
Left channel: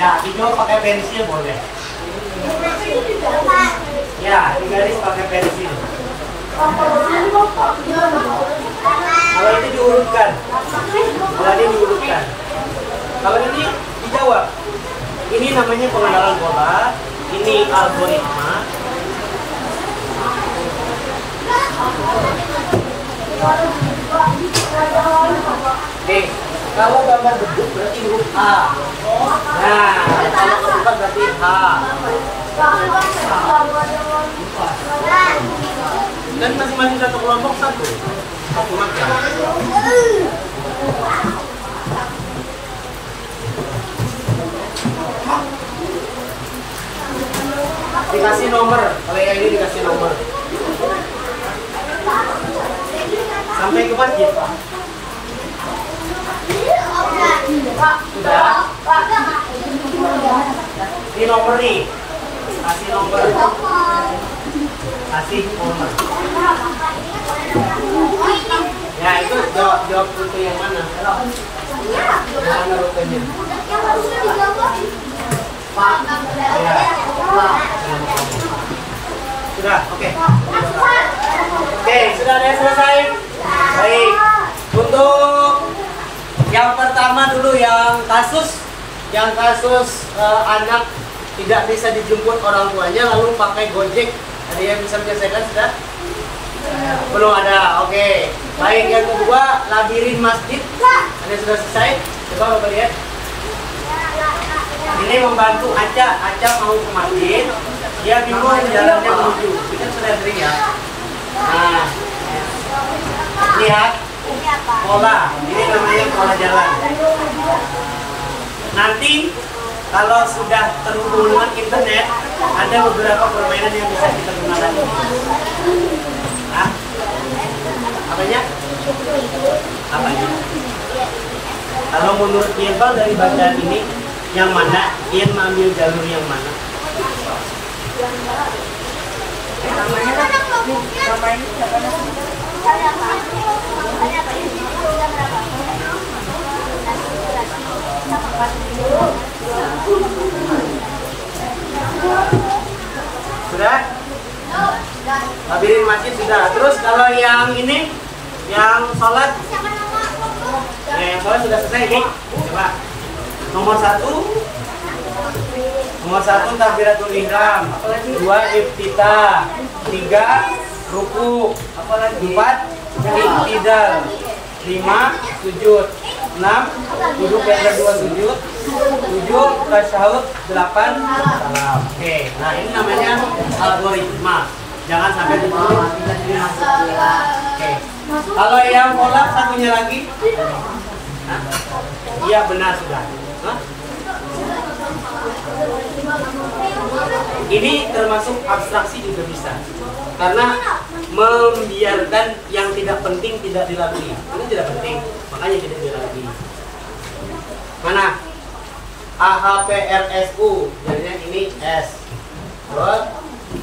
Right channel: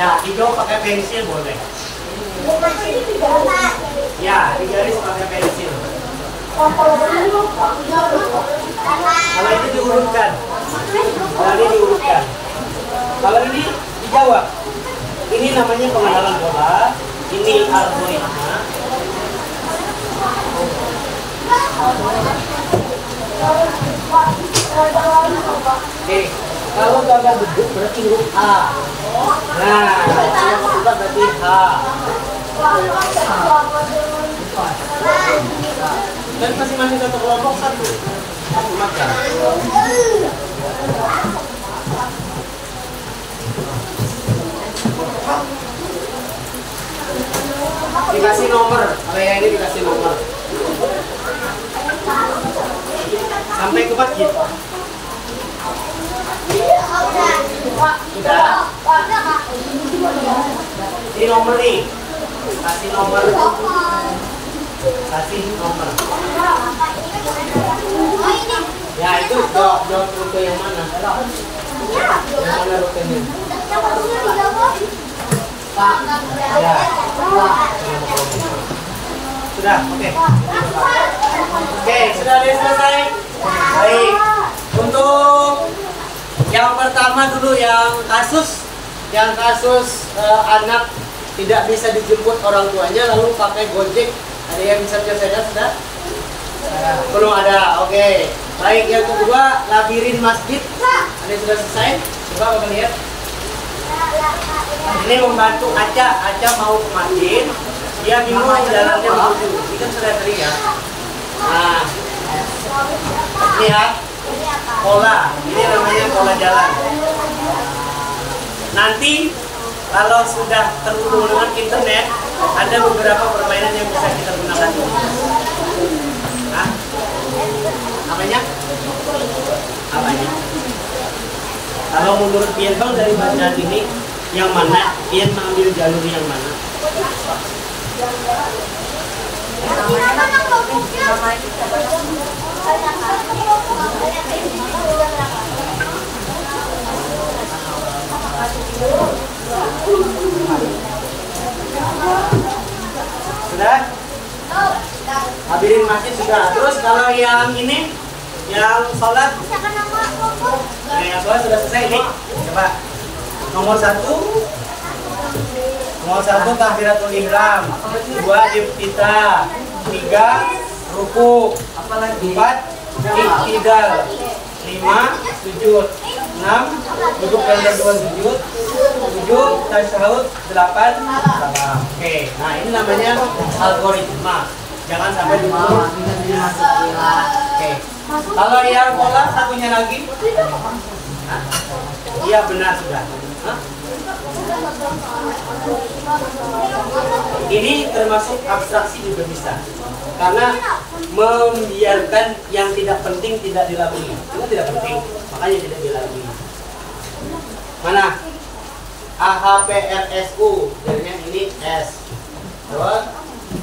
Ya, hijau pakai pensil boleh. Ya, di garis pakai pensil. Kalau ini diurutkan. Kalau ini dijawab. Ini namanya pengenalan pola. Ini algoritma. Oke. Kalau gambar beduk berarti huruf A. Nah, kalau ketupat berarti H. Dan masing-masing satu kelompok satu macam. Dikasih nomor, kalau yang ini dikasih nomor. Sampai ke masjid. Sudah? Ini nomor nih. Kasih nomor. Ya, itu jawab rute yang mana? Yang mana rutenya? Ya. Sudah, oke. Oke, sudah ada yang selesai? Baik. Untuk yang pertama dulu, yang kasus anak tidak bisa dijemput orang tuanya lalu pakai Gojek. Ada yang bisa menyelesaikan sudah? Belum ada. Oke. Baik, yang kedua labirin masjid. Ada yang sudah selesai? Coba Bapak lihat. Ini membantu Aca mau ke masjid. Dia bingung jalannya menuju. Ini kan sudah sering ya. Nah, lihat. Pola, ini namanya pola jalan. Nanti kalau sudah terhubung dengan internet, ada beberapa permainan yang bisa kita gunakan. menurut Pian Bang dari bacaan ini yang mana? Pian mengambil jalur yang mana? Sudah? Hadirin masjid sudah. Terus kalau yang ini, yang sholat, nah yang sholat sudah selesai nih. Coba. Nomor satu takbiratul ihram, 2 iftitah, 3 ruku, 4 iktidal, 5 sujud, 6 duduk ganda 2 sujud, 7 tasyahud, 8 salam. Oke, nah ini namanya algoritma. Jangan sampai diburu. Oke. Kalau yang pola satunya lagi, iya benar sudah. Hah? Ini termasuk abstraksi juga bisa, karena membiarkan yang tidak penting tidak dilalui. Itu tidak penting, makanya tidak dilalui. Mana? AHPRSU, jadinya ini S. Terus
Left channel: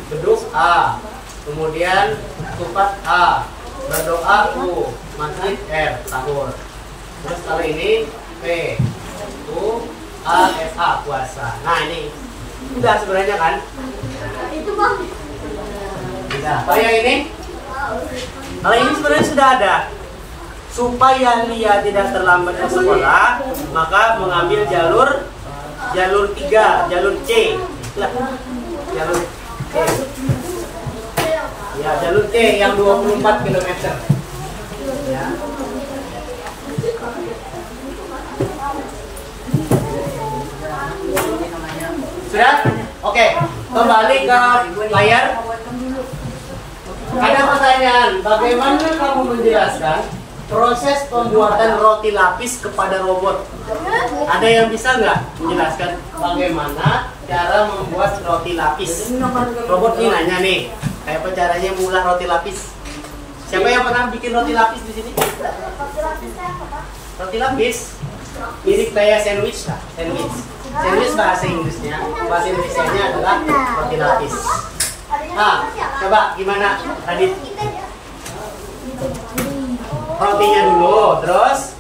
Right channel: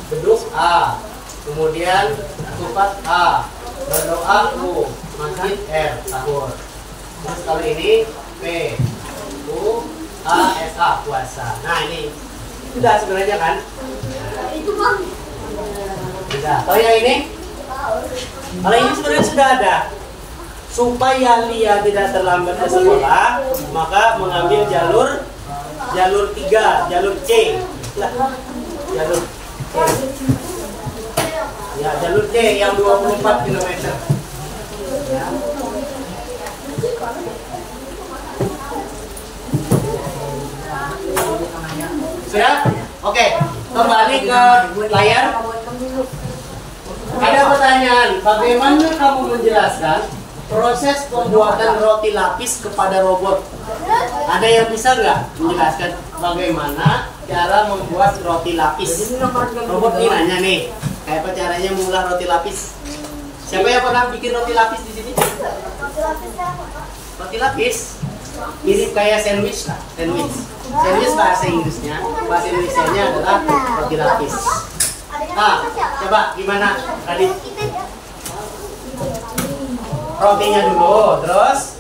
beduk A, kemudian tupat A, berdoa U, masjid R, sahur. Terus kalau ini P, U, A, S, A, puasa. Nah ini sudah sebenarnya kan? Itu bang. Sudah. Oh yang ini? Kalau ini sebenarnya sudah ada. Supaya Lia tidak terlambat ke sekolah, maka mengambil jalur 3, jalur C. Itulah. Jalur C. Ya, jalur C yang 24 km. Ya. Sudah? Oke, kembali ke layar. Ada pertanyaan, bagaimana kamu menjelaskan proses pembuatan roti lapis kepada robot? Ada yang bisa nggak menjelaskan bagaimana cara membuat roti lapis? Robot ini nanya nih, kayak apa caranya membuat roti lapis? Siapa yang pernah bikin roti lapis di sini? Roti lapis mirip kayak sandwich lah, sandwich. Sandwich bahasa Inggrisnya, bahasa Indonesianya adalah roti lapis. Nah, coba gimana, Radit? Rotinya dulu, terus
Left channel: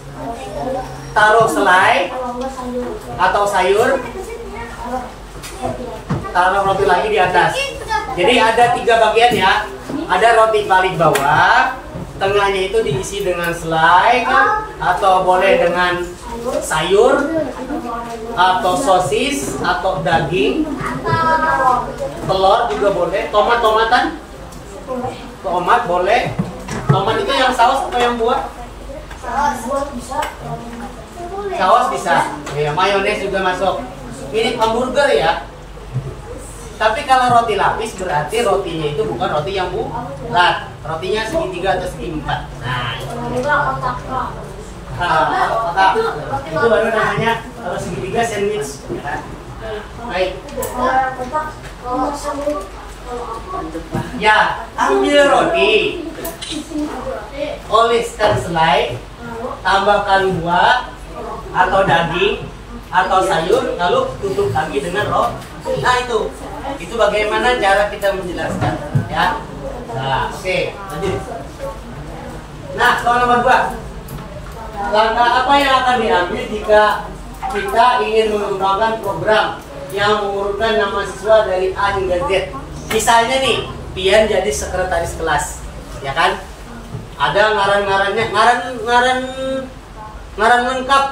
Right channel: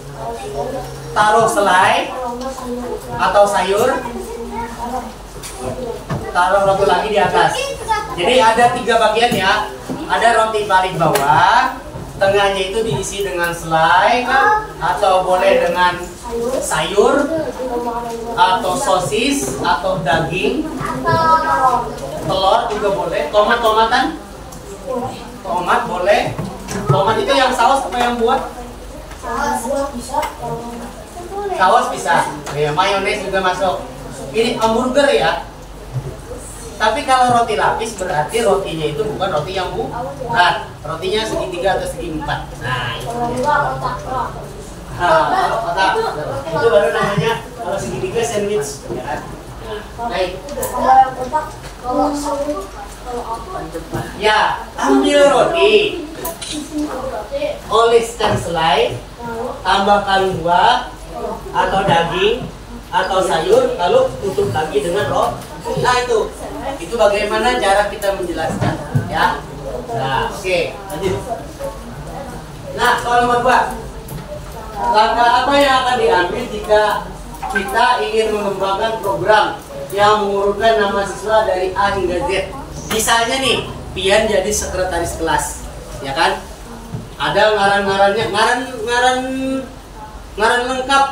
taruh selai atau sayur, taruh roti lagi di atas. Jadi ada 3 bagian ya. Ada roti paling bawah, tengahnya itu diisi dengan selai atau boleh dengan sayur atau sosis atau daging, telur juga boleh, tomat-tomatan, tomat boleh. Tomat itu yang saus atau yang buat? Saus bisa. Ya, mayones juga masuk. Ini hamburger ya. Tapi kalau roti lapis berarti rotinya itu bukan roti yang bulat. Rotinya segitiga atau segi 4. Nah, kotak. Itu baru namanya kalau segitiga sandwich, ya kan? Baik. Ya, ambil roti, oleskan selai, tambahkan buah atau daging atau sayur, lalu tutup lagi dengan roti. Nah itu bagaimana cara kita menjelaskan, ya. Nah, oke, lanjut. Nah, soal nomor 2. Langkah apa yang akan diambil jika kita ingin mengembangkan program yang mengurutkan nama siswa dari A hingga Z? Misalnya nih, Pian jadi sekretaris kelas, ya kan? Ada ngaran-ngarannya, ngaran lengkap.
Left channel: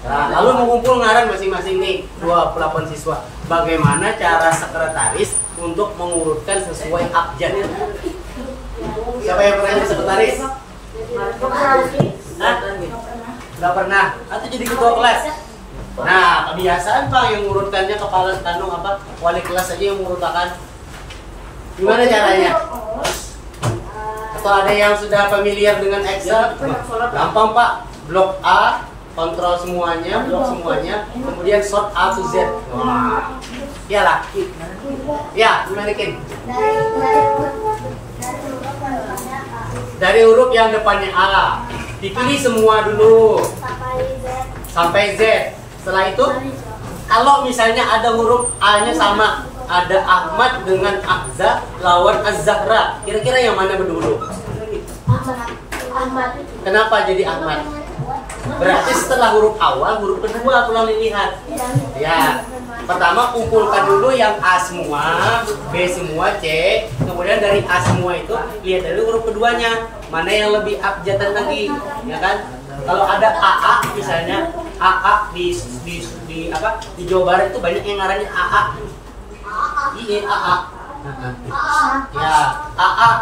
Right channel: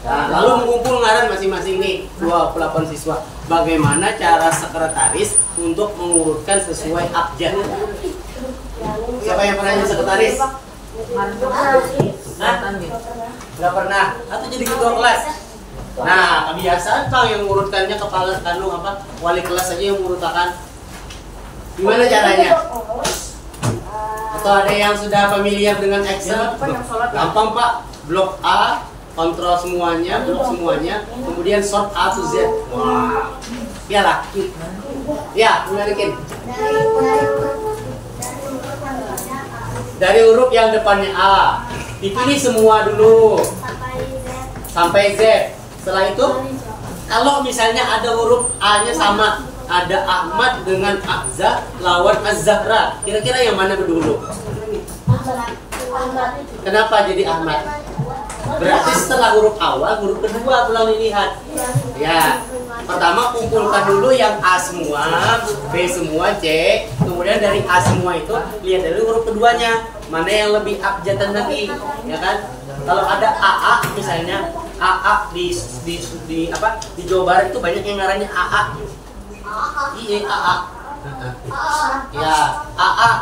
Nah, lalu mengumpul ngaran masing-masing nih 28 siswa. Bagaimana cara sekretaris untuk mengurutkan sesuai abjad? Siapa yang pernah jadi sekretaris? Nah, nggak pernah. Atau jadi ketua kelas? Nah, kebiasaan Pak yang mengurutkannya kepala kandung apa? Wali kelas aja yang mengurutkan. Gimana caranya? Atau ada yang sudah familiar dengan Excel? Gampang Pak. Blok A, kontrol semuanya, blok semuanya, kemudian sort A to Z. Wah, iyalah. Ya, gimana Kin? Dari huruf yang depannya A, dipilih semua dulu. sampai Z. Setelah itu, kalau misalnya ada huruf A-nya sama, ada Ahmad dengan Azza lawan Az-Zahra. Kira-kira yang mana dulu? Ahmad itu. Kenapa jadi Ahmad? Berarti setelah huruf awal, huruf kedua pulang dilihat. Ya, pertama kumpulkan dulu yang A semua, B semua, C. Kemudian dari A semua itu lihat dari huruf keduanya mana yang lebih abjatan lagi, ya kan? Kalau ada AA misalnya, AA di Jawa Barat itu banyak yang ngarannya AA. Iya, AA. Ya, AA.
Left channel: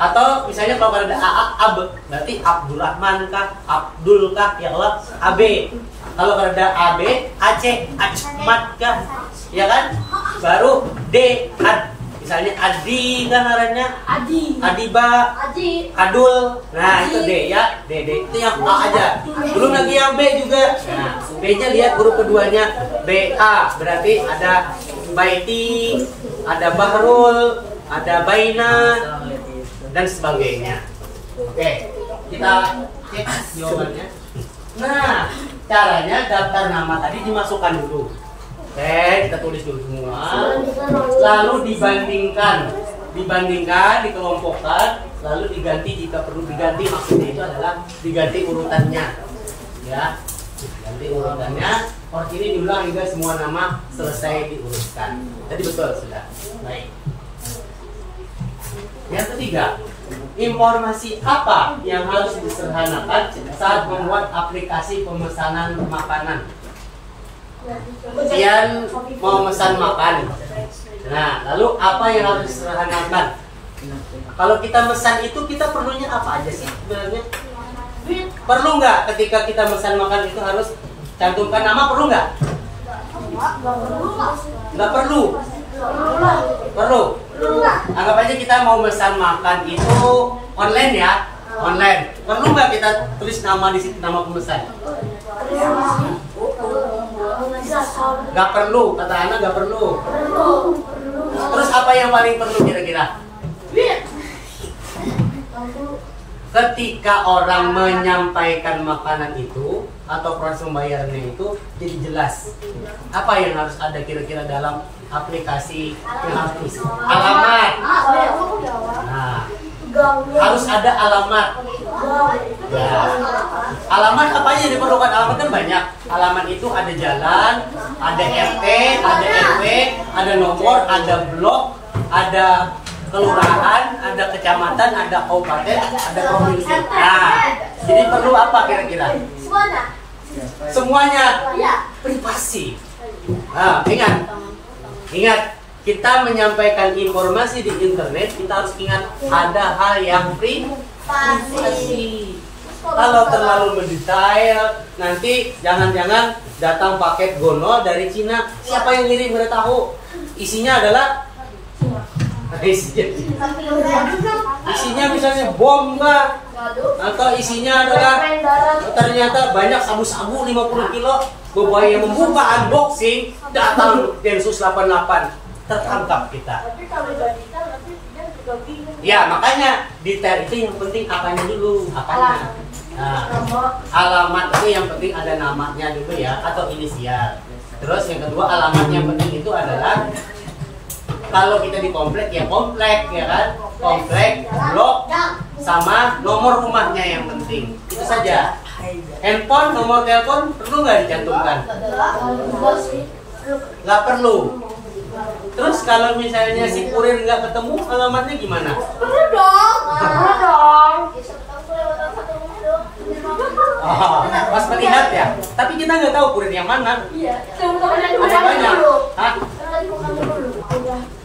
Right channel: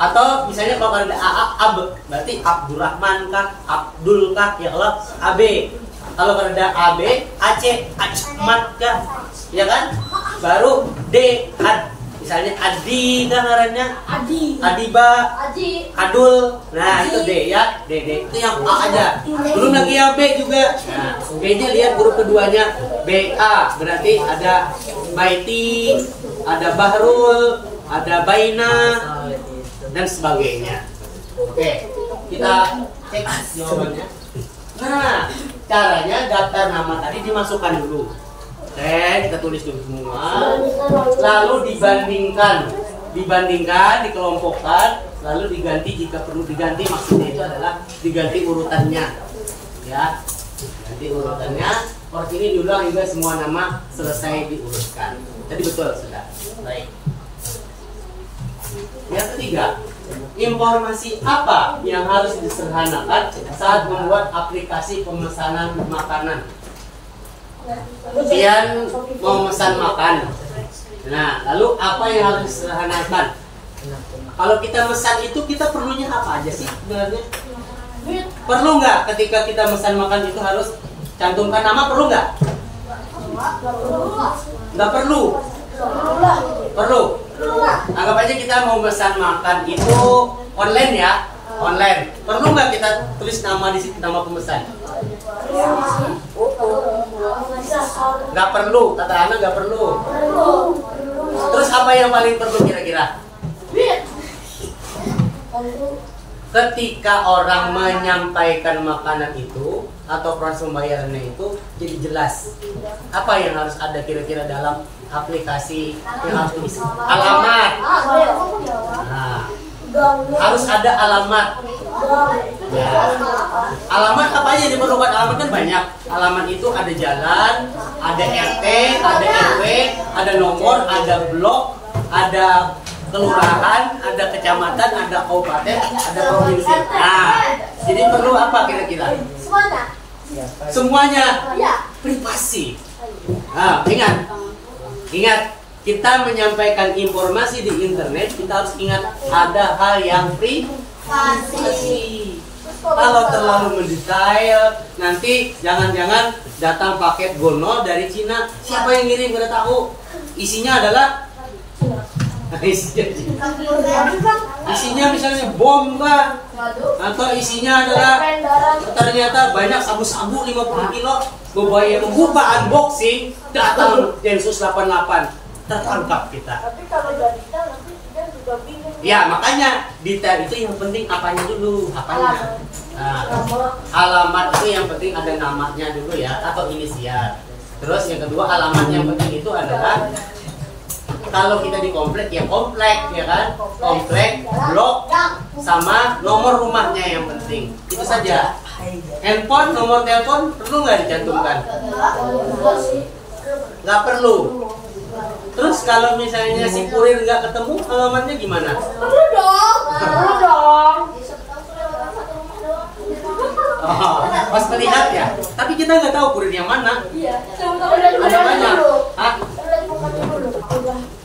Atau misalnya kalau ada AA, AB, berarti Abdurrahman kah, Abdul kah, ya Allah, AB. Kalau ada AB, AC, Ahmad kah, ya kan? Baru D, Ad. Misalnya Adi kan ngarannya, Adi. Adiba, Adi. Adul. Nah, itu D ya, D. Itu yang A aja. Belum lagi yang B juga. Nah, B-nya lihat huruf keduanya BA, berarti ada Baiti, ada Bahrul, ada Baina, dan sebagainya. Oke, kita cek jawabannya. Nah, caranya daftar nama tadi dimasukkan dulu. Oke, kita tulis dulu semua. Lalu dibandingkan, dikelompokkan, lalu diganti jika perlu diganti. Maksudnya itu adalah diganti urutannya, ya. Ganti urutannya. Or ini diulang hingga semua nama selesai diurutkan. Tadi betul sudah. Baik. Yang ketiga, informasi apa yang harus disederhanakan saat membuat aplikasi pemesanan makanan? Kalian mau pesan makan. Nah, lalu apa yang harus disederhanakan? Kalau kita pesan itu kita perlunya apa aja sih sebenarnya? Perlu nggak ketika kita pesan makan itu harus cantumkan nama? Perlu nggak? Nggak perlu. Perlu. Anggap aja kita mau pesan makan itu online ya, online. Perlu nggak kita tulis nama di situ, nama pemesan? Nggak perlu, kata Ana nggak perlu. Terus apa yang paling perlu kira-kira? Ketika orang menyampaikan makanan itu atau proses pembayarannya itu jadi jelas. Apa yang harus ada kira-kira dalam aplikasi yang harus diisi? Alamat. Nah, harus ada alamat. Ya. Alamat apa aja yang diperlukan? Alamat kan banyak. Alamat itu ada jalan, ada RT, ada RW, ada nomor, ada blok, ada kelurahan, ada kecamatan, ada kabupaten, ada provinsi. Nah, jadi perlu apa kira-kira? Semuanya. Privasi. Nah, ingat, kita menyampaikan informasi di internet, kita harus ingat ada hal yang privasi. Kalau terlalu mendetail, nanti jangan-jangan datang paket gono dari Cina. Siapa yang ngirim udah tahu? Isinya adalah isinya misalnya bom kah? Atau isinya adalah ternyata banyak sabu-sabu 50 kilo. Berbahaya, membuka unboxing, datang Densus 88, tertangkap kita. Tapi kalau udah detail nanti dia juga bingung. Ya, makanya detail itu yang penting apanya dulu, apanya. Nah, alamat itu yang penting ada namanya dulu ya, atau inisial. Terus yang kedua, alamat yang penting itu adalah kalau kita di komplek ya komplek, ya kan? Komplek, blok, sama nomor rumahnya yang penting. Itu saja. Handphone, nomor telepon perlu nggak dicantumkan? Nggak perlu. Terus kalau misalnya si kurir nggak ketemu, alamatnya gimana? Perlu dong. Perlu dong. Oh, pas melihat ya. Tapi kita nggak tahu kurir yang mana. Iya. Ada banyak. Hah?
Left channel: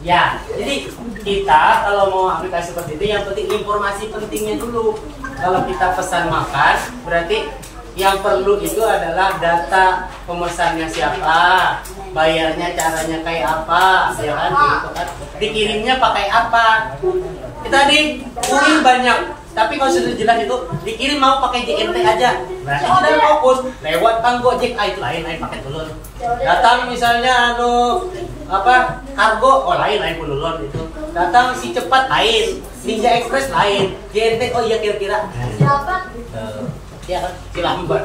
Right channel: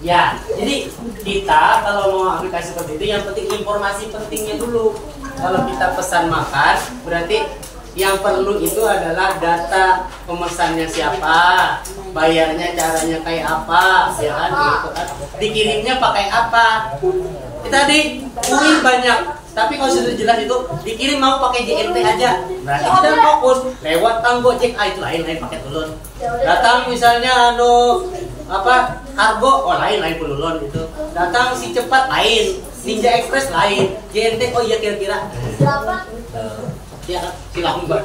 Ya, jadi kita kalau mau aplikasi seperti itu yang penting informasi pentingnya dulu. Kalau kita pesan makan, berarti yang perlu itu adalah data pemesannya siapa, bayarnya caranya kayak apa, ya kan? Gitu kan. Dikirimnya pakai apa? Kita di kuning banyak, tapi kalau sudah jelas itu dikirim mau pakai JNT aja, berarti kita fokus lewat tanggo Gojek, itu lain pakai tulun. Datang misalnya kargo, lain pululon itu. Datang si cepat lain, Ninja Express lain, JNT oh iya kira-kira. Siapa? Ya kan, si lambat.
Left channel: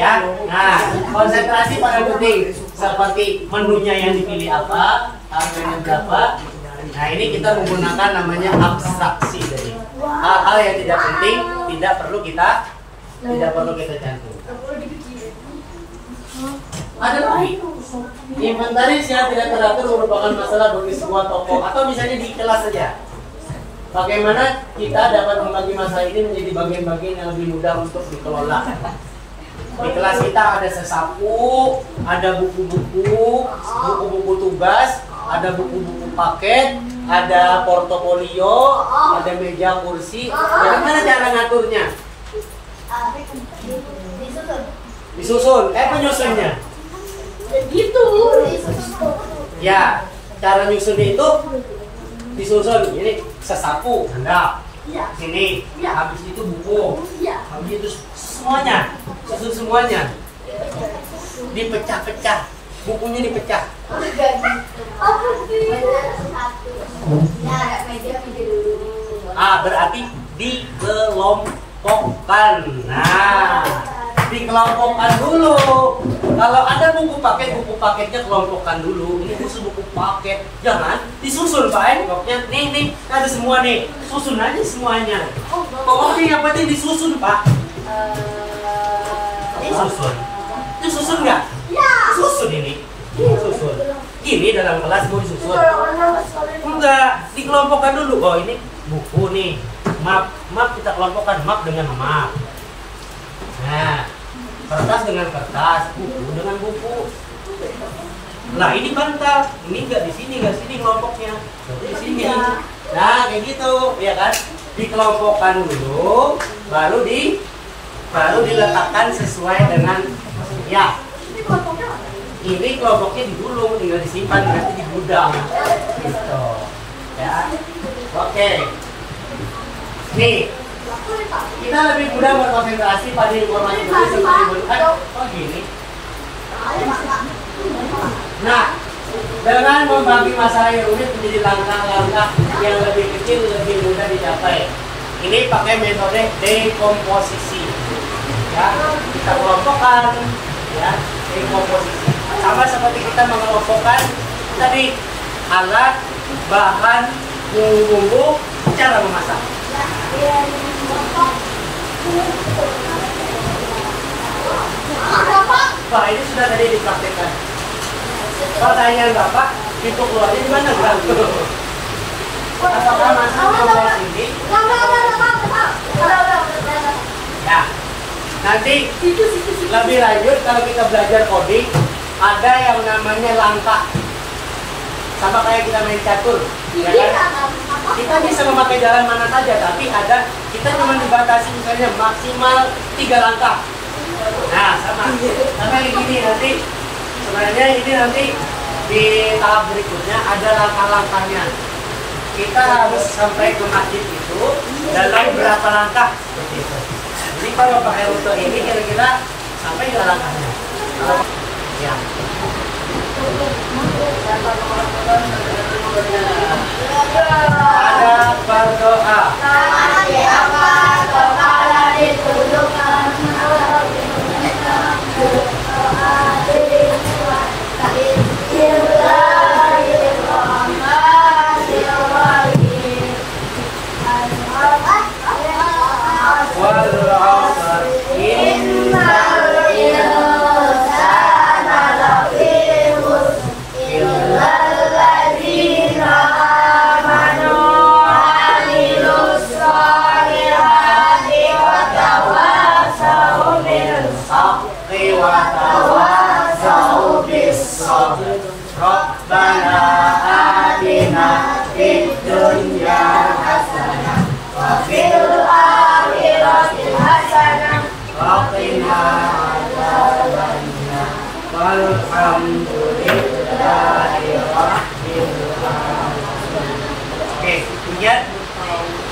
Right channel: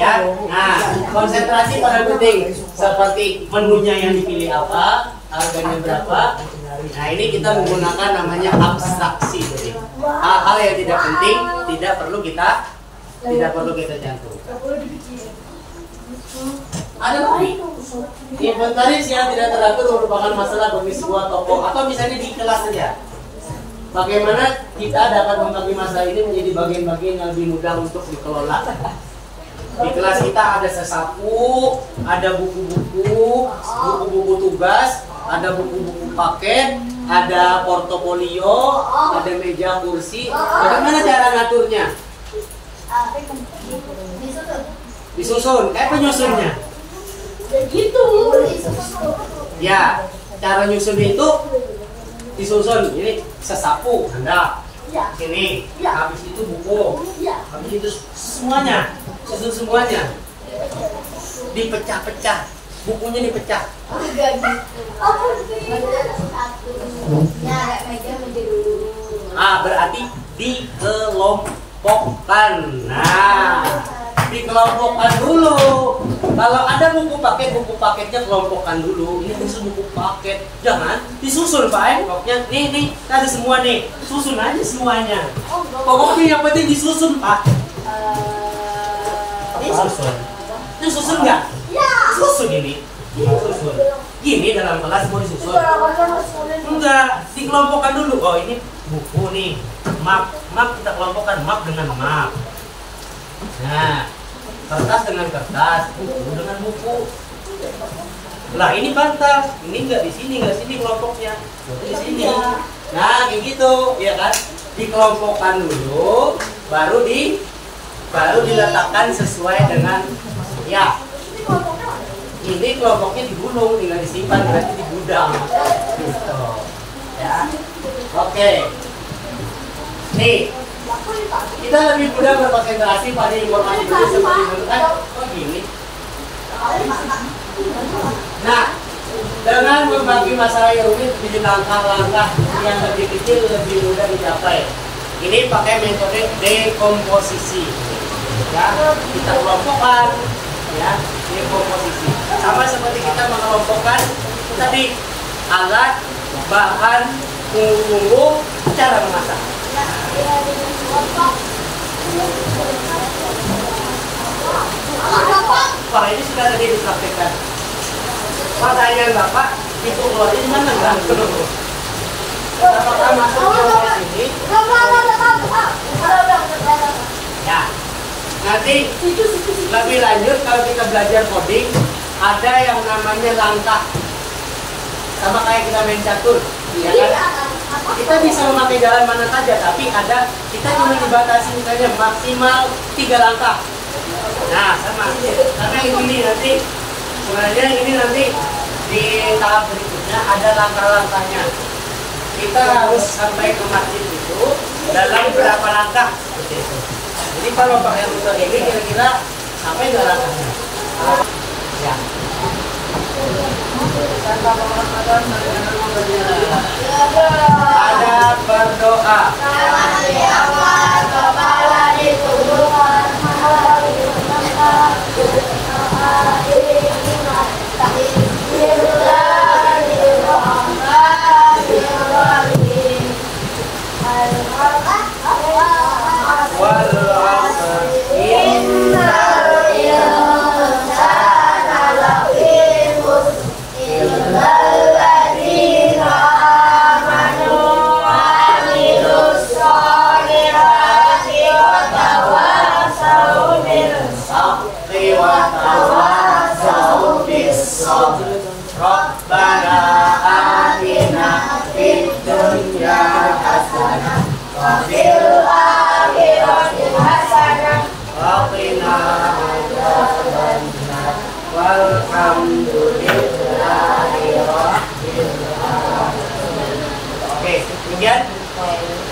Ya, nah konsentrasi pada penting seperti menunya yang dipilih apa, harganya berapa. Nah ini kita menggunakan namanya abstraksi. Jadi hal-hal yang tidak penting tidak perlu kita cantum. Ada lagi. Inventaris yang tidak teratur merupakan masalah bagi sebuah toko atau misalnya di kelas saja. Bagaimana kita dapat membagi masalah ini menjadi bagian-bagian yang lebih mudah untuk dikelola. Di kelas kita ada sesapu, ada buku-buku tugas, ada buku-buku paket, ada portofolio, ada meja kursi. Bagaimana cara ngaturnya? Disusun, penyusunnya. Begitu. Ya, cara nyusunnya itu disusun. Ini sesapu, Anda. Sini, habis itu buku, habis itu semuanya, susun semuanya. Dipecah-pecah, bukunya dipecah. Berarti dikelompokkan. Nah, dikelompokkan dulu. Kalau ada buku paketnya kelompokkan dulu. Ini khusus buku paket. Jangan disusun, Pak. Pokoknya nih, ada semua nih. Susun aja semuanya. Pokoknya yang penting disusun, Pak. Disusun. Disusun nggak? Susun ini. Susun. Gini dalam kelas mau disusun. Enggak, dikelompokkan dulu. Oh, ini buku nih. Map kita kelompokkan map dengan map. Nah, kertas dengan kertas, buku dengan buku. Nah, ini bantal, ini enggak di sini kelompoknya, di sini. Nah, kayak gitu, ya kan? Dikelompokkan dulu, baru diletakkan sesuai dengan ya. Ini kelompoknya digulung, tinggal disimpan berarti di gudang. Gitu. Ya. Oke. Nih, kita lebih mudah berkonsentrasi pada informasi seperti kan? Oh gini. Nah, dengan membagi masalah yang rumit menjadi langkah-langkah yang lebih kecil lebih mudah dicapai. Ini pakai metode dekomposisi. Ya, kita kelompokkan, ya, dekomposisi. Sama seperti kita mengelompokkan tadi alat, bahan, bumbu-bumbu, cara memasak. Wah, ini sudah tadi dipraktekkan. Pertanyaan Bapak, itu keluarnya di mana enggak? Apakah masuk ke sini? Ya. Nanti lebih lanjut kalau kita belajar coding, ada yang namanya langkah. Sama kayak kita main catur, ya kan? Kita bisa memakai jalan mana saja, tapi kita cuma dibatasi misalnya maksimal 3 langkah. Nah, sama. Karena ini nanti sebenarnya ini nanti di tahap berikutnya ada langkah-langkahnya. Kita harus sampai ke masjid itu dalam berapa langkah seperti itu. Jadi kalau pakai rute ini kira-kira sampai nggak langkahnya? Ya. Ada berdoa. Rabbana atina fid dunya hasanah wa fil akhirati hasanah wa qina adzabannar walhamdulillahi rabbil alamin. Oke, kemudian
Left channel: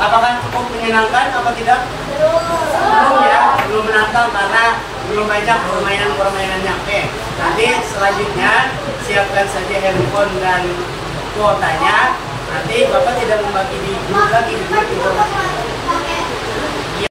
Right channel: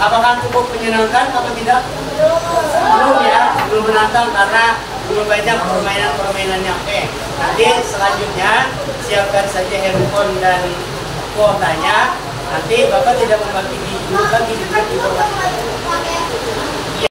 apakah cukup menyenangkan apa tidak? Belum ya, belum menantang karena belum banyak permainan-permainannya. Oke, nanti selanjutnya siapkan saja handphone dan kuotanya. Nanti Bapak tidak membagi informasi